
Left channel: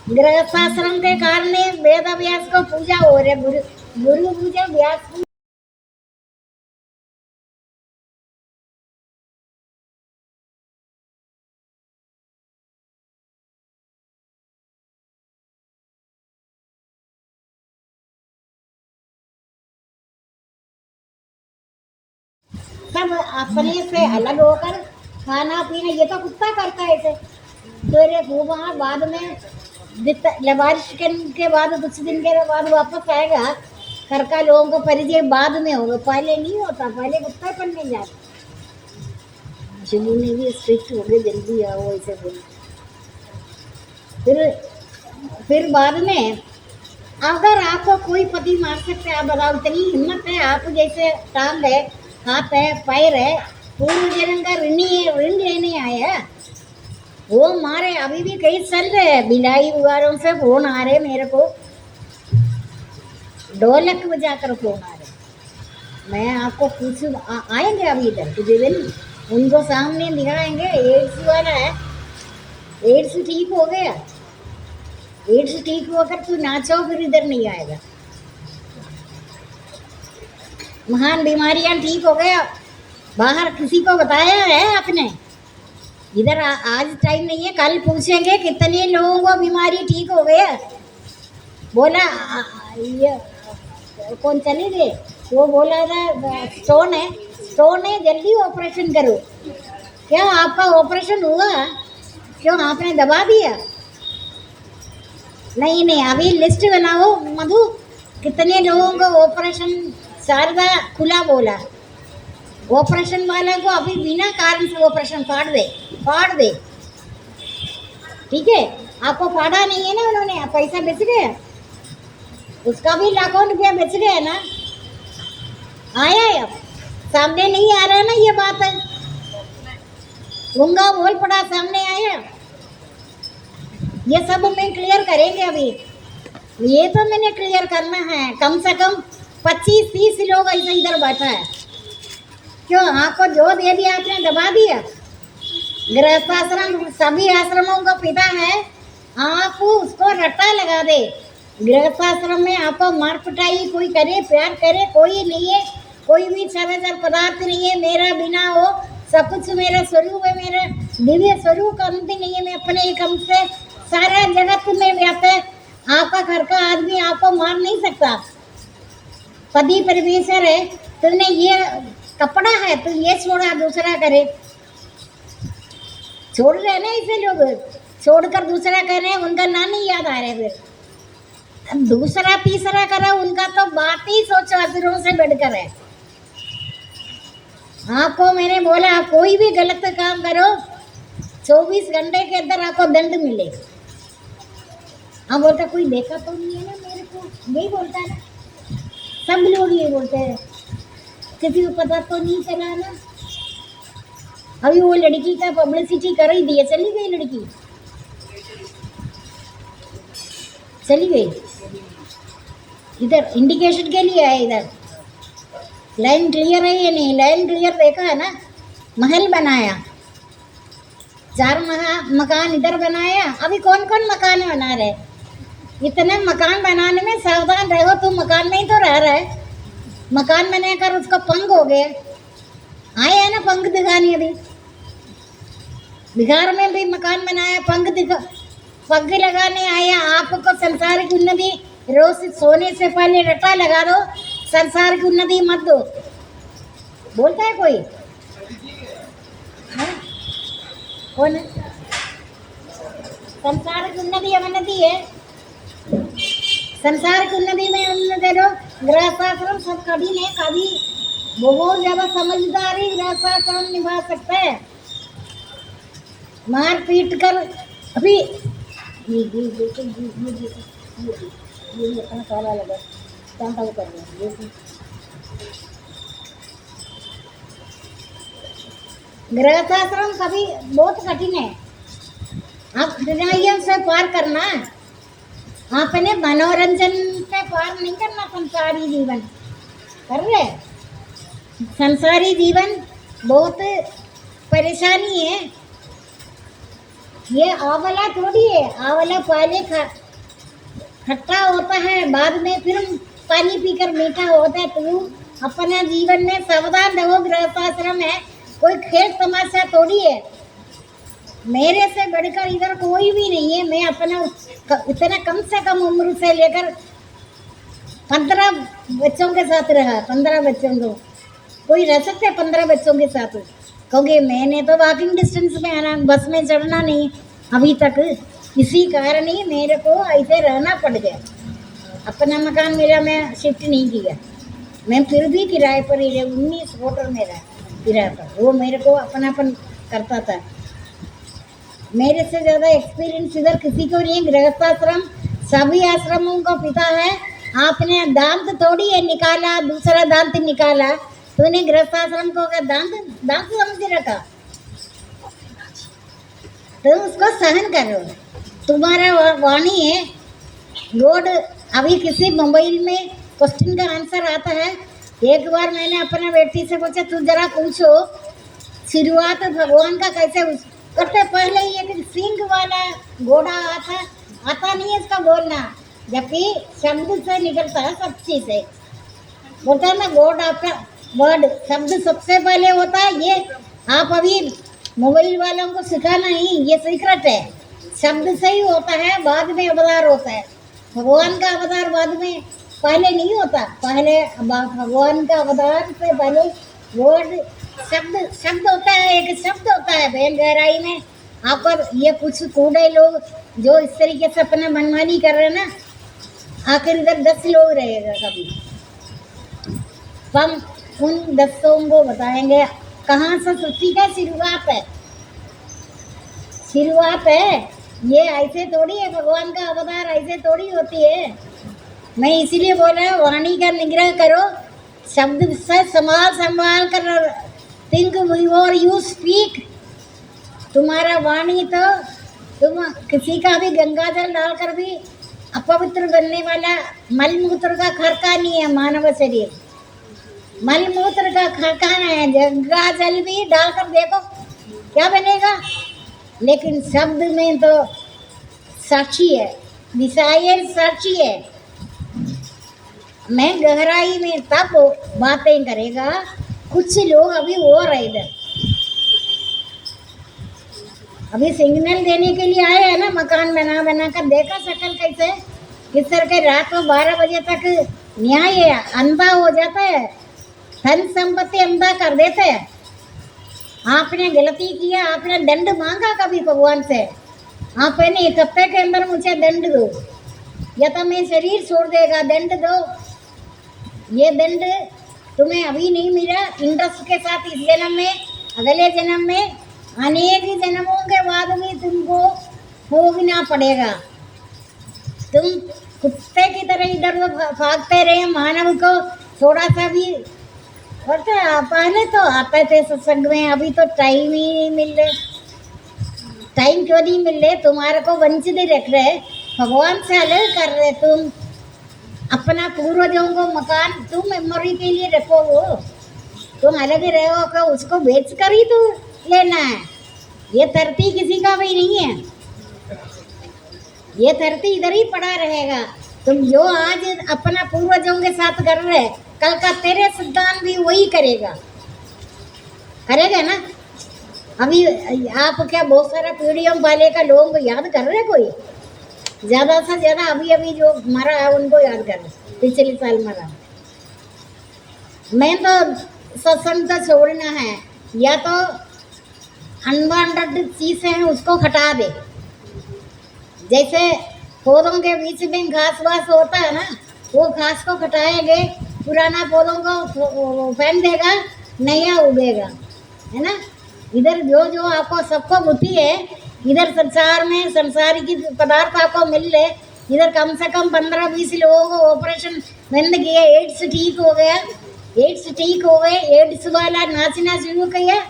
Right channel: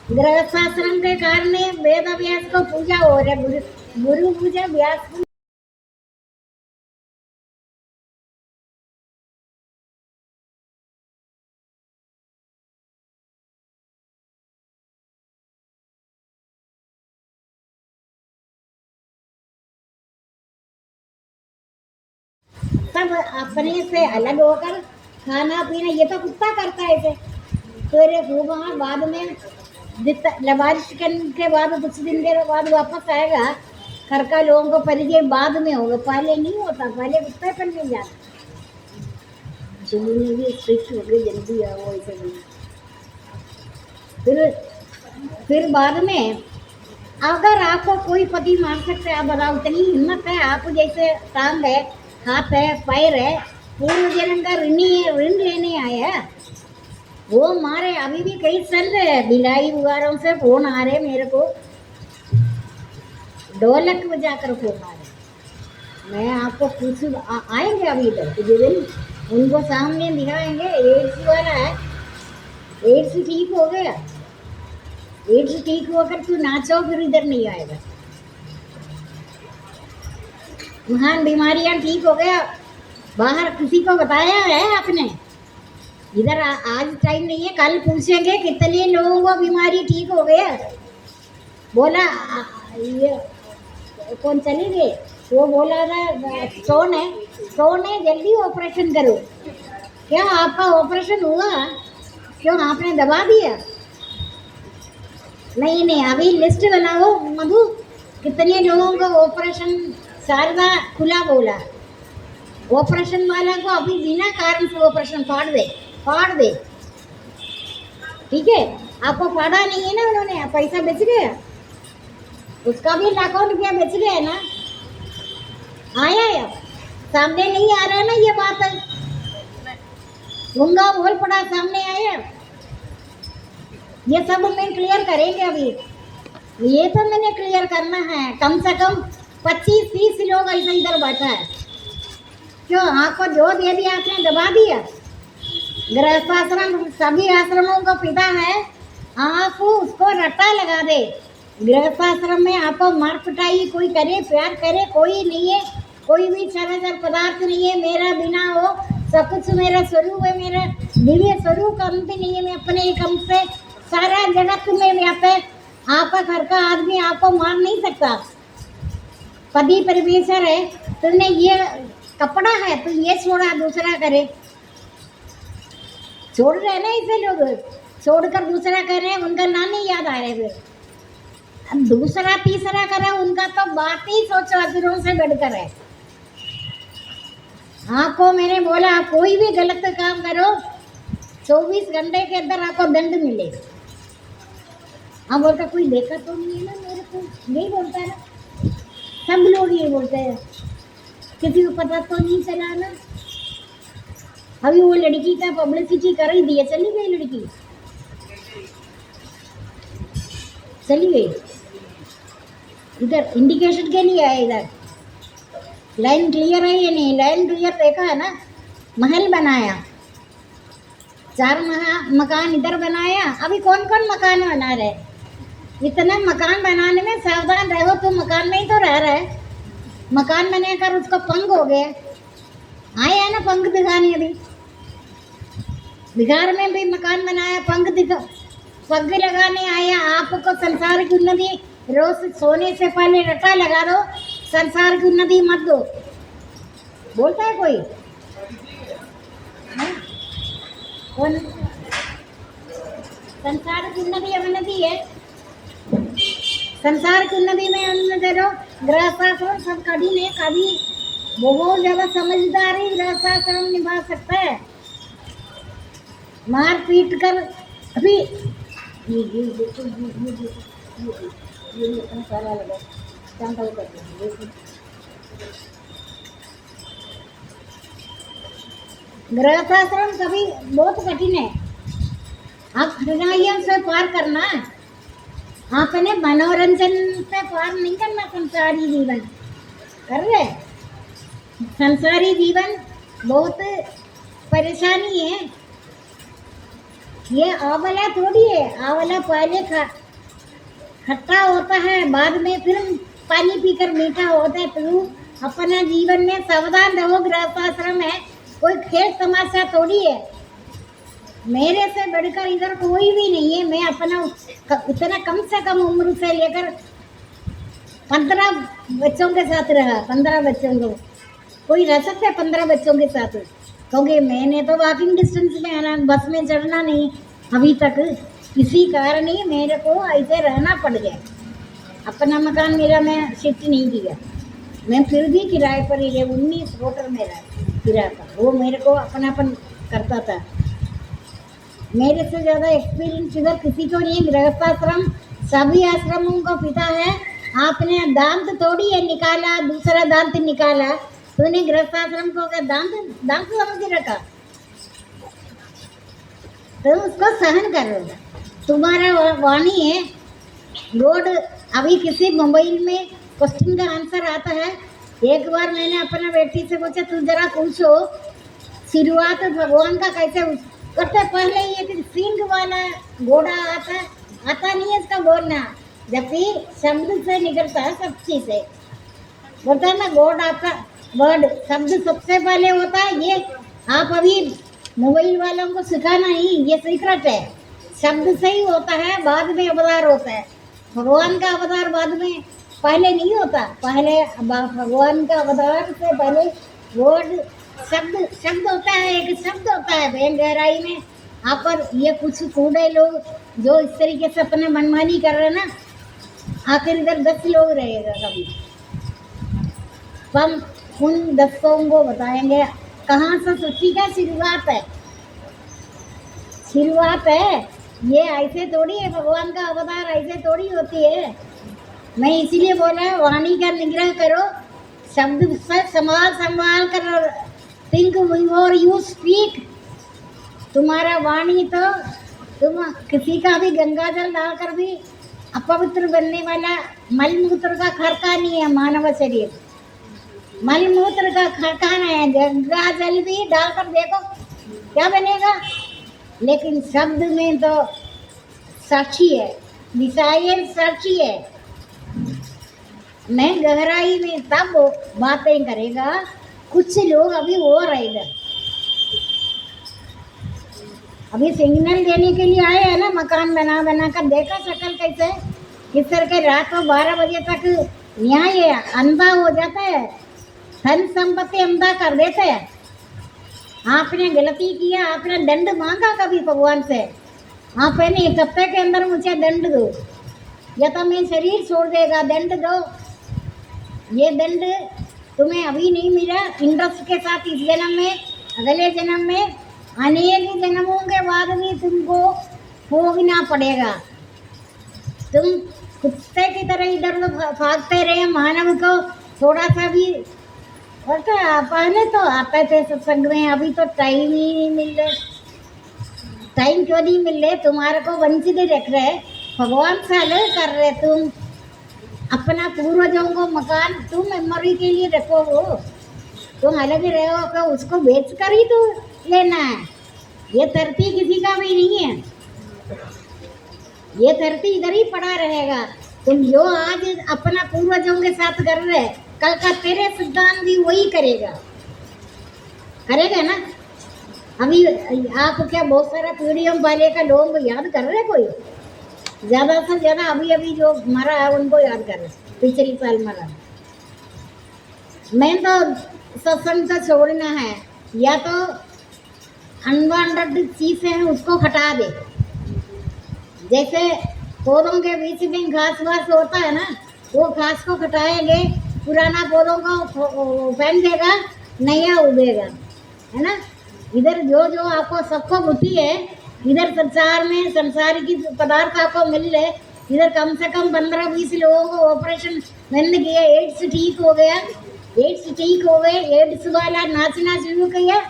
गृहस्थाश्रम के कारण वेद व्यास को पूजा हो रहे, गुरु पूजा व्यास पूजा। सब अपने से अलग होकर खाना पीना, ये तो कुत्ता करता है ऐसे। फिर वहाँ बाद में लवारिश के बाद कुछ दिन के बाद वापस आएगा, घर का लोगों को परिचय बाद में होगा, पहले नहीं होता। पहले कुत्ता पढ़ने जाता। शिवू ने भी स्ट्रिक्ट हो गए, जल्दी आओ ऐसे बोले। फिर बाद में अगर आपको कोई पति मार सकता है, आप बताओ, इतनी हिम्मत है? आप जैसे टांग है, हाथ है, पैर है, पूर्व जन्म का ऋणी है, ऋण लेने आए हैं, वो मारे। अभी भी कई चल रहे हैं, बिलाई वगैरह से फोन आ रहे मेरे को, ढोलक बजाकर फोन आ रहे। मैं आपको पूछ आएंगे अभी इधर कुछ दिन, उनको सामने दिखाएंगे। एड्स वाला है, एड्स ठीक हो गया, एड्स ठीक होकर तू नाचो, फिर इधर नहीं आएगा। महान बीमारियां ठीक हो गया, बाहर किसी को बताया है आपने? इधर आज टाइम नहीं है, कल पूछेंगे कितने लोगों को बीमारी ठीक हो गया। बोला ये कौन चले गए, वो बोला था स्टोन है, स्टोन है, जल्दी ऑपरेशन करो। क्या आपका ऑपरेशन हुआ? क्यों आपने दबा दिया? नहीं नहीं, अभी लिस्ट बनाओ मधु, कितने लोगों को ऑपरेशन। शारदा खुला बोला, ऑपरेशन वाला को अभी बिना कारण से ऑपरेशन फाड़ दे। ठीक है, आपको फाड़ा नहीं है ना उन्होंने, पैसा बेच गया, उसका भी लाखों रुपया बेच गया ना। आया है अब सामने, नहीं आ रहा ना ये बात है, गूंगा बोल पड़ा, सामने आया। ये सब मैं क्लियर करेंगे अभी। ये तो मैंने क्लियर करना है, कम से कम 25-30 लोग ऐसे इधर बैठा है। क्यों आपको जो दे दिया आपने दबा दिया? गृहस्थाश्रम सभी आश्रमों का पिता है, आप उसको रट्टा लगा दे। गृहस्थाश्रम में आपको मार पिटाई कोई करे, प्यार करे कोई नहीं है, कोई भी चराचर पदार्थ नहीं है मेरा बिना हो, सब कुछ मेरा स्वरूप है, मेरा दिव्य स्वरूप अंत नहीं है। मैं अपने एक हम से सारा जगत में व्याप्त है। आपका घर का आदमी आपको मार नहीं सकता, पति परमेश्वर है। तुमने ये कपड़ा है तो ये छोड़ा दूसरा करे, छोड़ रहे ना ऐसे लोग, छोड़कर दूसरा कर रहे हैं, उनका नाम नहीं याद आ रहे। फिर दूसरा तीसरा करा, उनका तो बात ही सोचो असुरों से बढ़कर है। आपको मैंने बोला कोई भी गलत काम करो 24 घंटे के अंदर आपको दंड मिले। हम बोलता कोई देखा तो नहीं है ना मेरे को, यही बोलता है ना, सब लोग ये बोलते हैं, किसी को पता तो नहीं चला ना। अभी वो लड़की का पब्लिसिटी कर ही दिया, चली गई लड़की, चली गई। इधर इंडिकेशन के लिए है, इधर लाइन क्लियर है या नहीं? लाइन क्लियर देखा है ना? महल बनाया, 4 मकान इधर बनाया। अभी कौन कौन मकान बना रहे? इतने मकान बनाने में सावधान रहो, तुम मकान में ही तो रह रहे। मकान बनाकर उसका पंख हो गया, आए है ना पंख दिखाने। अभी बिहार में भी मकान बनाया, पंख लगाने आया। आपको संसार की उन्नति, रोज सोने से पहले रटा लगा दो, संसार की उन्नति मत दो। बोलता है कोई? हाँ? कौन है? संसार की उन्नति अवनति है। संसार की उन्नति में उन्नति दो। गृहस्थाश्रम सब कठिन है, कभी बहुत ज्यादा समझदारी गृहस्थाश्रम निभा सकता है। मार पीट कर अभी ये अपना सारा लगा चांटा वो कर रहे हैं। गृहस्थाश्रम कभी बहुत कठिन है। आप दुनिया से पार करना, आपने मनोरंजन पे पार नहीं करना। संसारी जीवन कर रहे, संसारी जीवन बहुत परेशानी है। ये आंवला थोड़ी है, आंवला पहले खट्टा होता है, बाद में फिर पानी पीकर मीठा होता है। तो अपना जीवन में सावधान रहो। गृहस्थाश्रम है, कोई खेल तमाशा थोड़ी है। मेरे से बढ़कर इधर कोई भी नहीं है। मैं अपना इतना कम से कम उम्र से लेकर 15 बच्चों के साथ रहा। 15 बच्चों को कोई रह सकता है 15 बच्चों के साथ? क्योंकि मैंने तो वॉकिंग डिस्टेंस में आना, बस में चढ़ना नहीं अभी तक। इसी कारण ही मेरे को ऐसे रहना पड़ गया। अपना मकान मेरा मैं शिफ्ट नहीं किया, मैं फिर भी किराए पर ही रहे। 19 होटल में रहा किराए पर, वो मेरे को अपनापन करता था। मेरे से ज़्यादा एक्सपीरियंस इधर किसी को नहीं। गृहस्थाश्रम सभी आश्रमों का पिता है। आपने दांत थोड़ी है निकाला, दूसरा दांत निकाला, तूने गृहस्थाश्रम को अगर दांत समझ रखा तो उसको सहन करो। तुम्हारा वाणी है गॉड। अभी किसी मोबाइल में क्वेश्चन का आंसर आता है। एक बार मैंने अपना बेटी से पूछा, तू जरा पूछो शुरुआत भगवान का कैसे करते। पहले ये सिंह वाला घोड़ा आता नहीं है इसका बोलना, जबकि शब्द से निकलता है सब चीज से। बोलता है ना गॉड, आपका वर्ड शब्द सबसे पहले होता है। ये आप अभी मोबाइल वालों को सिखाना ही, ये सीक्रेट है। शब्द से ही होता है, बाद में अवतार होता है। भगवान का अवतार बाद में, पहले नहीं होता। पहले भगवान का अवतार से पहले वर्ड शब्द होता है। एक शब्द होता है बहन गहराई में। आप पर ये कुछ कूड़े लोग जो इस तरीके से अपना मनमानी कर रहे हैं ना, आखिर इधर 10 लोग रहेगा कभी। हम उन 10 को बताएंगे कहाँ से सृष्टि का शुरुआत है। शुरुआत है ये ऐसे थोड़ी है। भगवान का अवतार ऐसे थोड़ी होती है। मैं इसीलिए बोल रहा हूँ वाणी का निग्रह करो, शब्द से संभाल कर थिंक बिफोर यू स्पीक। तुम्हारा वाणी तो तुम किसी का भी गंगा जल डालकर भी अपवित्र बनने वाला मलमूत्र का खरकानी है। मानव शरीर मलमूत्र का खरकाना है। गंगा जल भी डालकर देखो क्या बनेगा। लेकिन शब्द में तो साक्षी है, डिजायर साक्षी है। मैं गहराई में तब बातें करेगा। कुछ लोग अभी हो रहे इधर, अभी सिग्नल देने के लिए आए हैं ना, मकान बना कर देखा शकल कैसे किस तरह के। रात को 12 बजे तक न्याय अंधा हो जाता है, धन संपत्ति अंधा कर देते हैं। आपने गलती किया, आपने दंड मांगा कभी भगवान से, आपने 1 हफ्ते के अंदर मुझे दंड दो या तो मैं शरीर छोड़ देगा। दंड दो, ये दंड तुम्हें अभी नहीं मिला, इंद्रस्व के साथ इस जन्म में, अगले जन्म में, अनेक जन्मों के बाद भी तुमको भोगना पड़ेगा। तुम कुत्ते की तरह इधर उधर भागते रहे, मानव को थोड़ा सा भी बेटा पहले तो आते थे सत्संग में, अभी तो टाइम ही नहीं मिल रहे। टाइम क्यों नहीं मिल रहे? तुम्हारे को वंचित रख रहे, भगवान से अलग कर रहे तुम। अपना पूर्वजों को मकान तुम मेमोरी के लिए रखो, वो तुम अलग ही रहो का उसको बेच कर ही तो लेना है। ये धरती किसी का भी नहीं है, ये धरती इधर ही पड़ा रहेगा। तुम जो आज अपना पूर्वजों के साथ कर रहे, कल का तेरे सिद्धांत भी वही करेगा, करेगा ना। अभी आप क्या बहुत सारा पीढ़ियों वाले का लोगों को याद कर रहे कोई? ज़्यादा से ज़्यादा अभी अभी जो मरा है उनको याद कर रहे, पिछले साल मरा। मैं तो सत्संग का छोड़ना है, या तो अनवांटेड चीज़ें हैं उसको हटा दे। जैसे पौधों के बीच में घास वास होता है ना, वो घास को हटाएंगे, पुराना पौधों को फेंक देगा, नया उगेगा, है ना। इधर जो जो आपको सबको बुद्धि है, इधर संसार में संसार की पदार्थ आपको मिल रहे, इधर कम से कम 15-20 लोगों को ऑपरेशन बंद किया, एड्स ठीक हो गया, एड्स ठीक हो गए। एड्स वाला नाचना शुरू किया,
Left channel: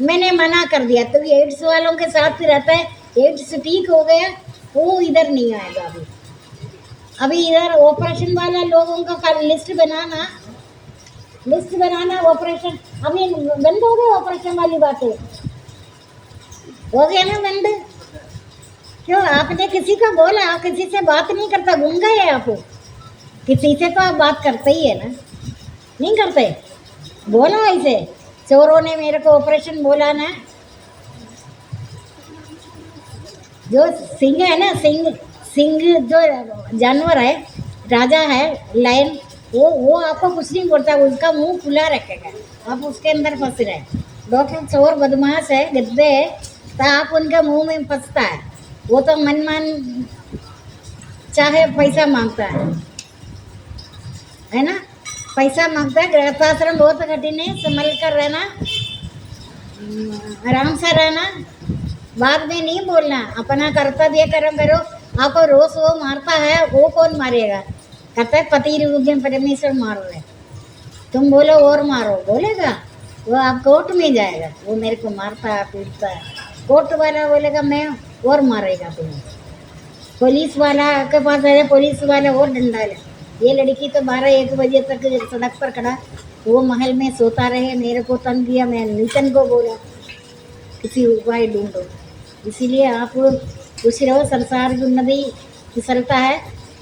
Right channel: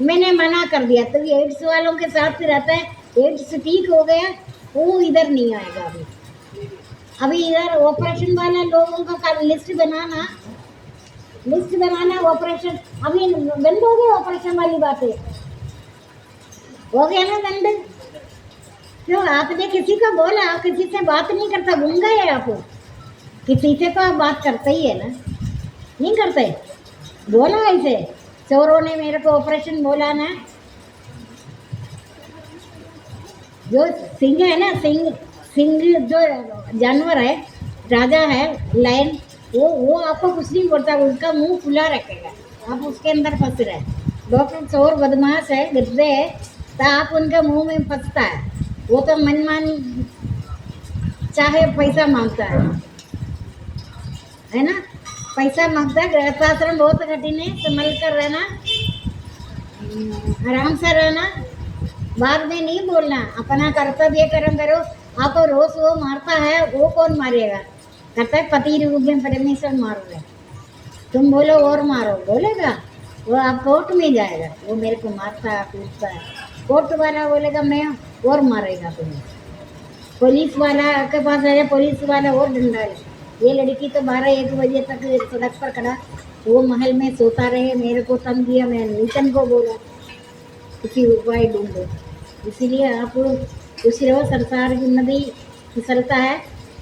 मैंने मना कर दिया, तो एड्स वालों के साथ रहता है, एड्स ठीक हो गया, वो इधर नहीं आएगा। अभी इधर ऑपरेशन वाला लोगों का लिस्ट बनाना ऑपरेशन अभी बंद हो गया। ऑपरेशन वाली बातें हो गया ना बंद। क्यों? आपने किसी को बोला? आप किसी से बात नहीं करता, गूंगा है आप? किसी से तो आप बात करते ही है ना, नहीं करते? बोला ऐसे, चोरों ने मेरे को ऑपरेशन बोला ना। जो सिंह है ना, सिंह जो जानवर है, राजा है, लायन, वो आपको कुछ नहीं बोलता, उसका मुंह खुला रखेगा, आप उसके अंदर फंस रहे। डॉक्टर चोर बदमाश है, गद्दे है, तो आप उनके मुंह में फंसता है। वो तो मनमान चाहे पैसा मांगता है ना, पैसा मांगता है। गृहस्थाश्रम बहुत कठिन है, संभल कर रहना, आराम से रहना, बाद में नहीं बोलना, अपना कर्तव्य कर्म करो। आपको रोज वो मारता है, वो कौन मारेगा? कहता है पति रूप में परमेश्वर मारो है, तुम बोलो और मारो, बोलेगा वो? आप कोर्ट में जाएगा, वो मेरे को मारता है, पीटता है, कोर्ट वाला बोलेगा मैं और मारेगा तुम्हें। पुलिस वाला के पास है, पुलिस वाला और डंडा ले। ये लड़की तो 12-1 बजे तक सड़क पर खड़ा, वो महल में सोता रहे, मेरे को तंग दिया, मैं नीतन को बोला किसी उपाय ढूंढो। इसीलिए आप खुश रहो, संसार की उन्नति फिसलता है।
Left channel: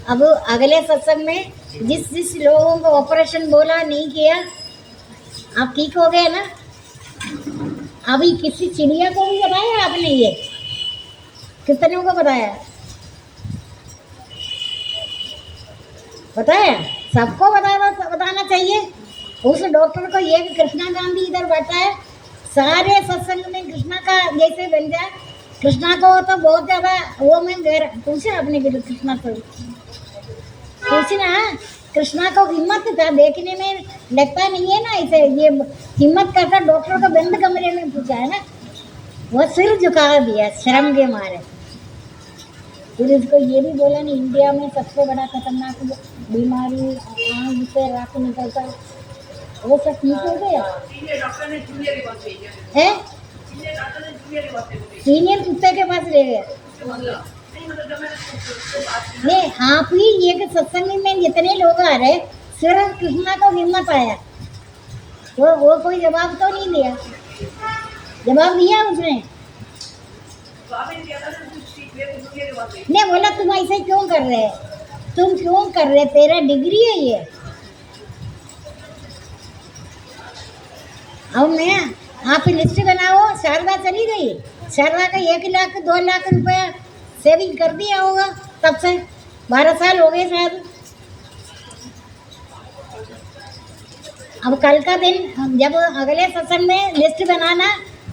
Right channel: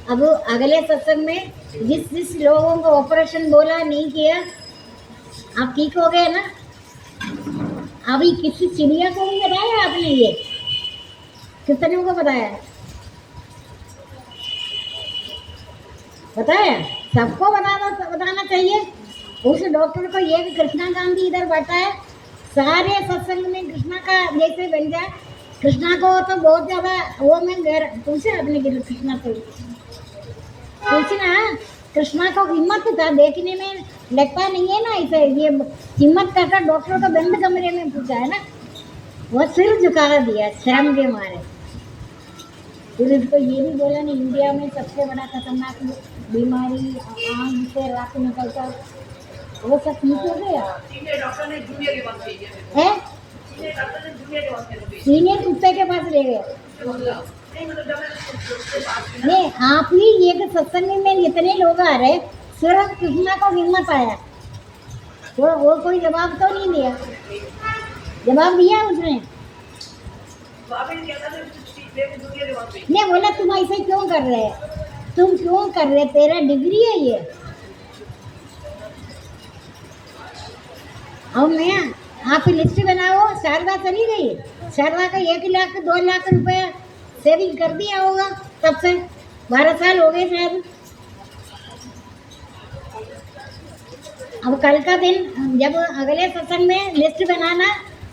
अब अगले सत्संग में जिस लोगों को ऑपरेशन बोला नहीं किया, आप ठीक हो गए ना। अभी किसी चिड़िया को भी बताया आपने? ये कितने को बताया? बताया? सबको बताना चाहिए। उस डॉक्टर को ये कि कृष्णा गांधी इधर बैठा है, सारे सत्संग में कृष्णा का जैसे बन जाए। कृष्णा को तो बहुत ज़्यादा वो में पूछे आपने कि कृष्णा को पूछना, कृष्णा को हिम्मत था, देखने में लगता नहीं है ना ऐसे, ये हिम्मत करता डॉक्टर को बंद कमरे में पूछा है ना, वो सिर झुका दिया शर्म के मारे। फिर उसको ये भी बोला नहीं, इंडिया में सबसे बड़ा खतरनाक बीमारी आँख से रक्त निकलता, वो सब ठीक हो गया है। सीनियर कुत्ते के पास ले गए। ये आप ही ये सत्संग में जितने लोग आ रहे, सिर्फ कृष्णा को हिम्मत आया, वो कोई जवाब तो नहीं दिया। जवाब दिया उसने? नहीं बोला तुम ऐसे क्यों कर रहे, तुम क्यों कर रहे, तेरा डिग्री है ये। अब मैं आप लिस्ट बनाओ। शारदा चली गई, शारदा का 1 लाख 2 लाख रुपया सेविंग कर दिया होगा, तब से 12 साल हो गए शायद। अब कल का दिन जब अगले सत्संग में लिस्ट बनाना,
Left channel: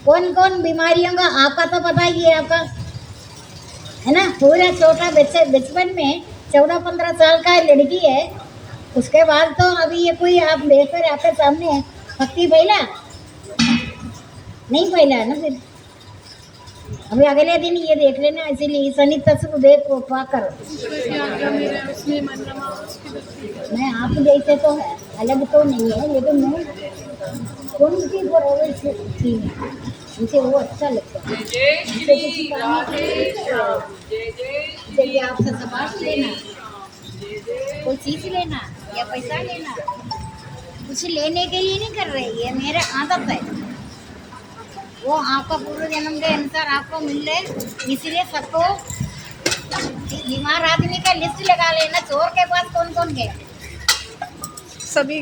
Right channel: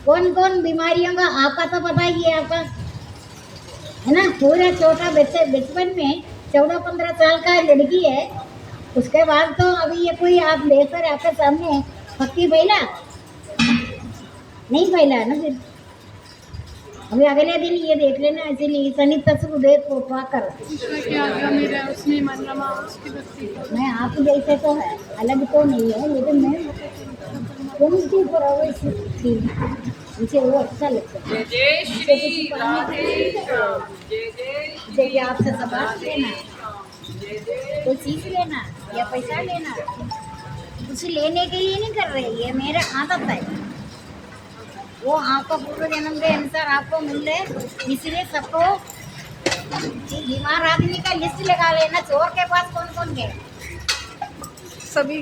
कौन कौन बीमारियों का, आपका तो पता ही है, आपका है ना। पूरा छोटा बच्चे बचपन में 14-15 साल का लड़की है, उसके बाद तो अभी ये कोई आप देख कर आपके सामने है, भक्ति फैला नहीं फैला ना। फिर अभी अगले दिन ये देख लेना, इसीलिए शनि तत्व देख को पाकर मैं आप जैसे तो है, अलग तो नहीं है, लेकिन मैं उनकी परवरिश थी, मुझे वो अच्छा लगता है। जय जय श्री राधे श्याम, जय जय जैसे कि आपसे सबाश लेना, जय जय। कोई चीज लेना या पैसा लेना, कुछ लेने के लिए नहीं कर रहे, ये मेरा आदत है। वो आपका पूर्व जन्म के अनुसार आपको मिल रहे, इसलिए सबको बीमार आदमी का लिस्ट लगा लेना, चोर के पास कौन कौन गया। सभी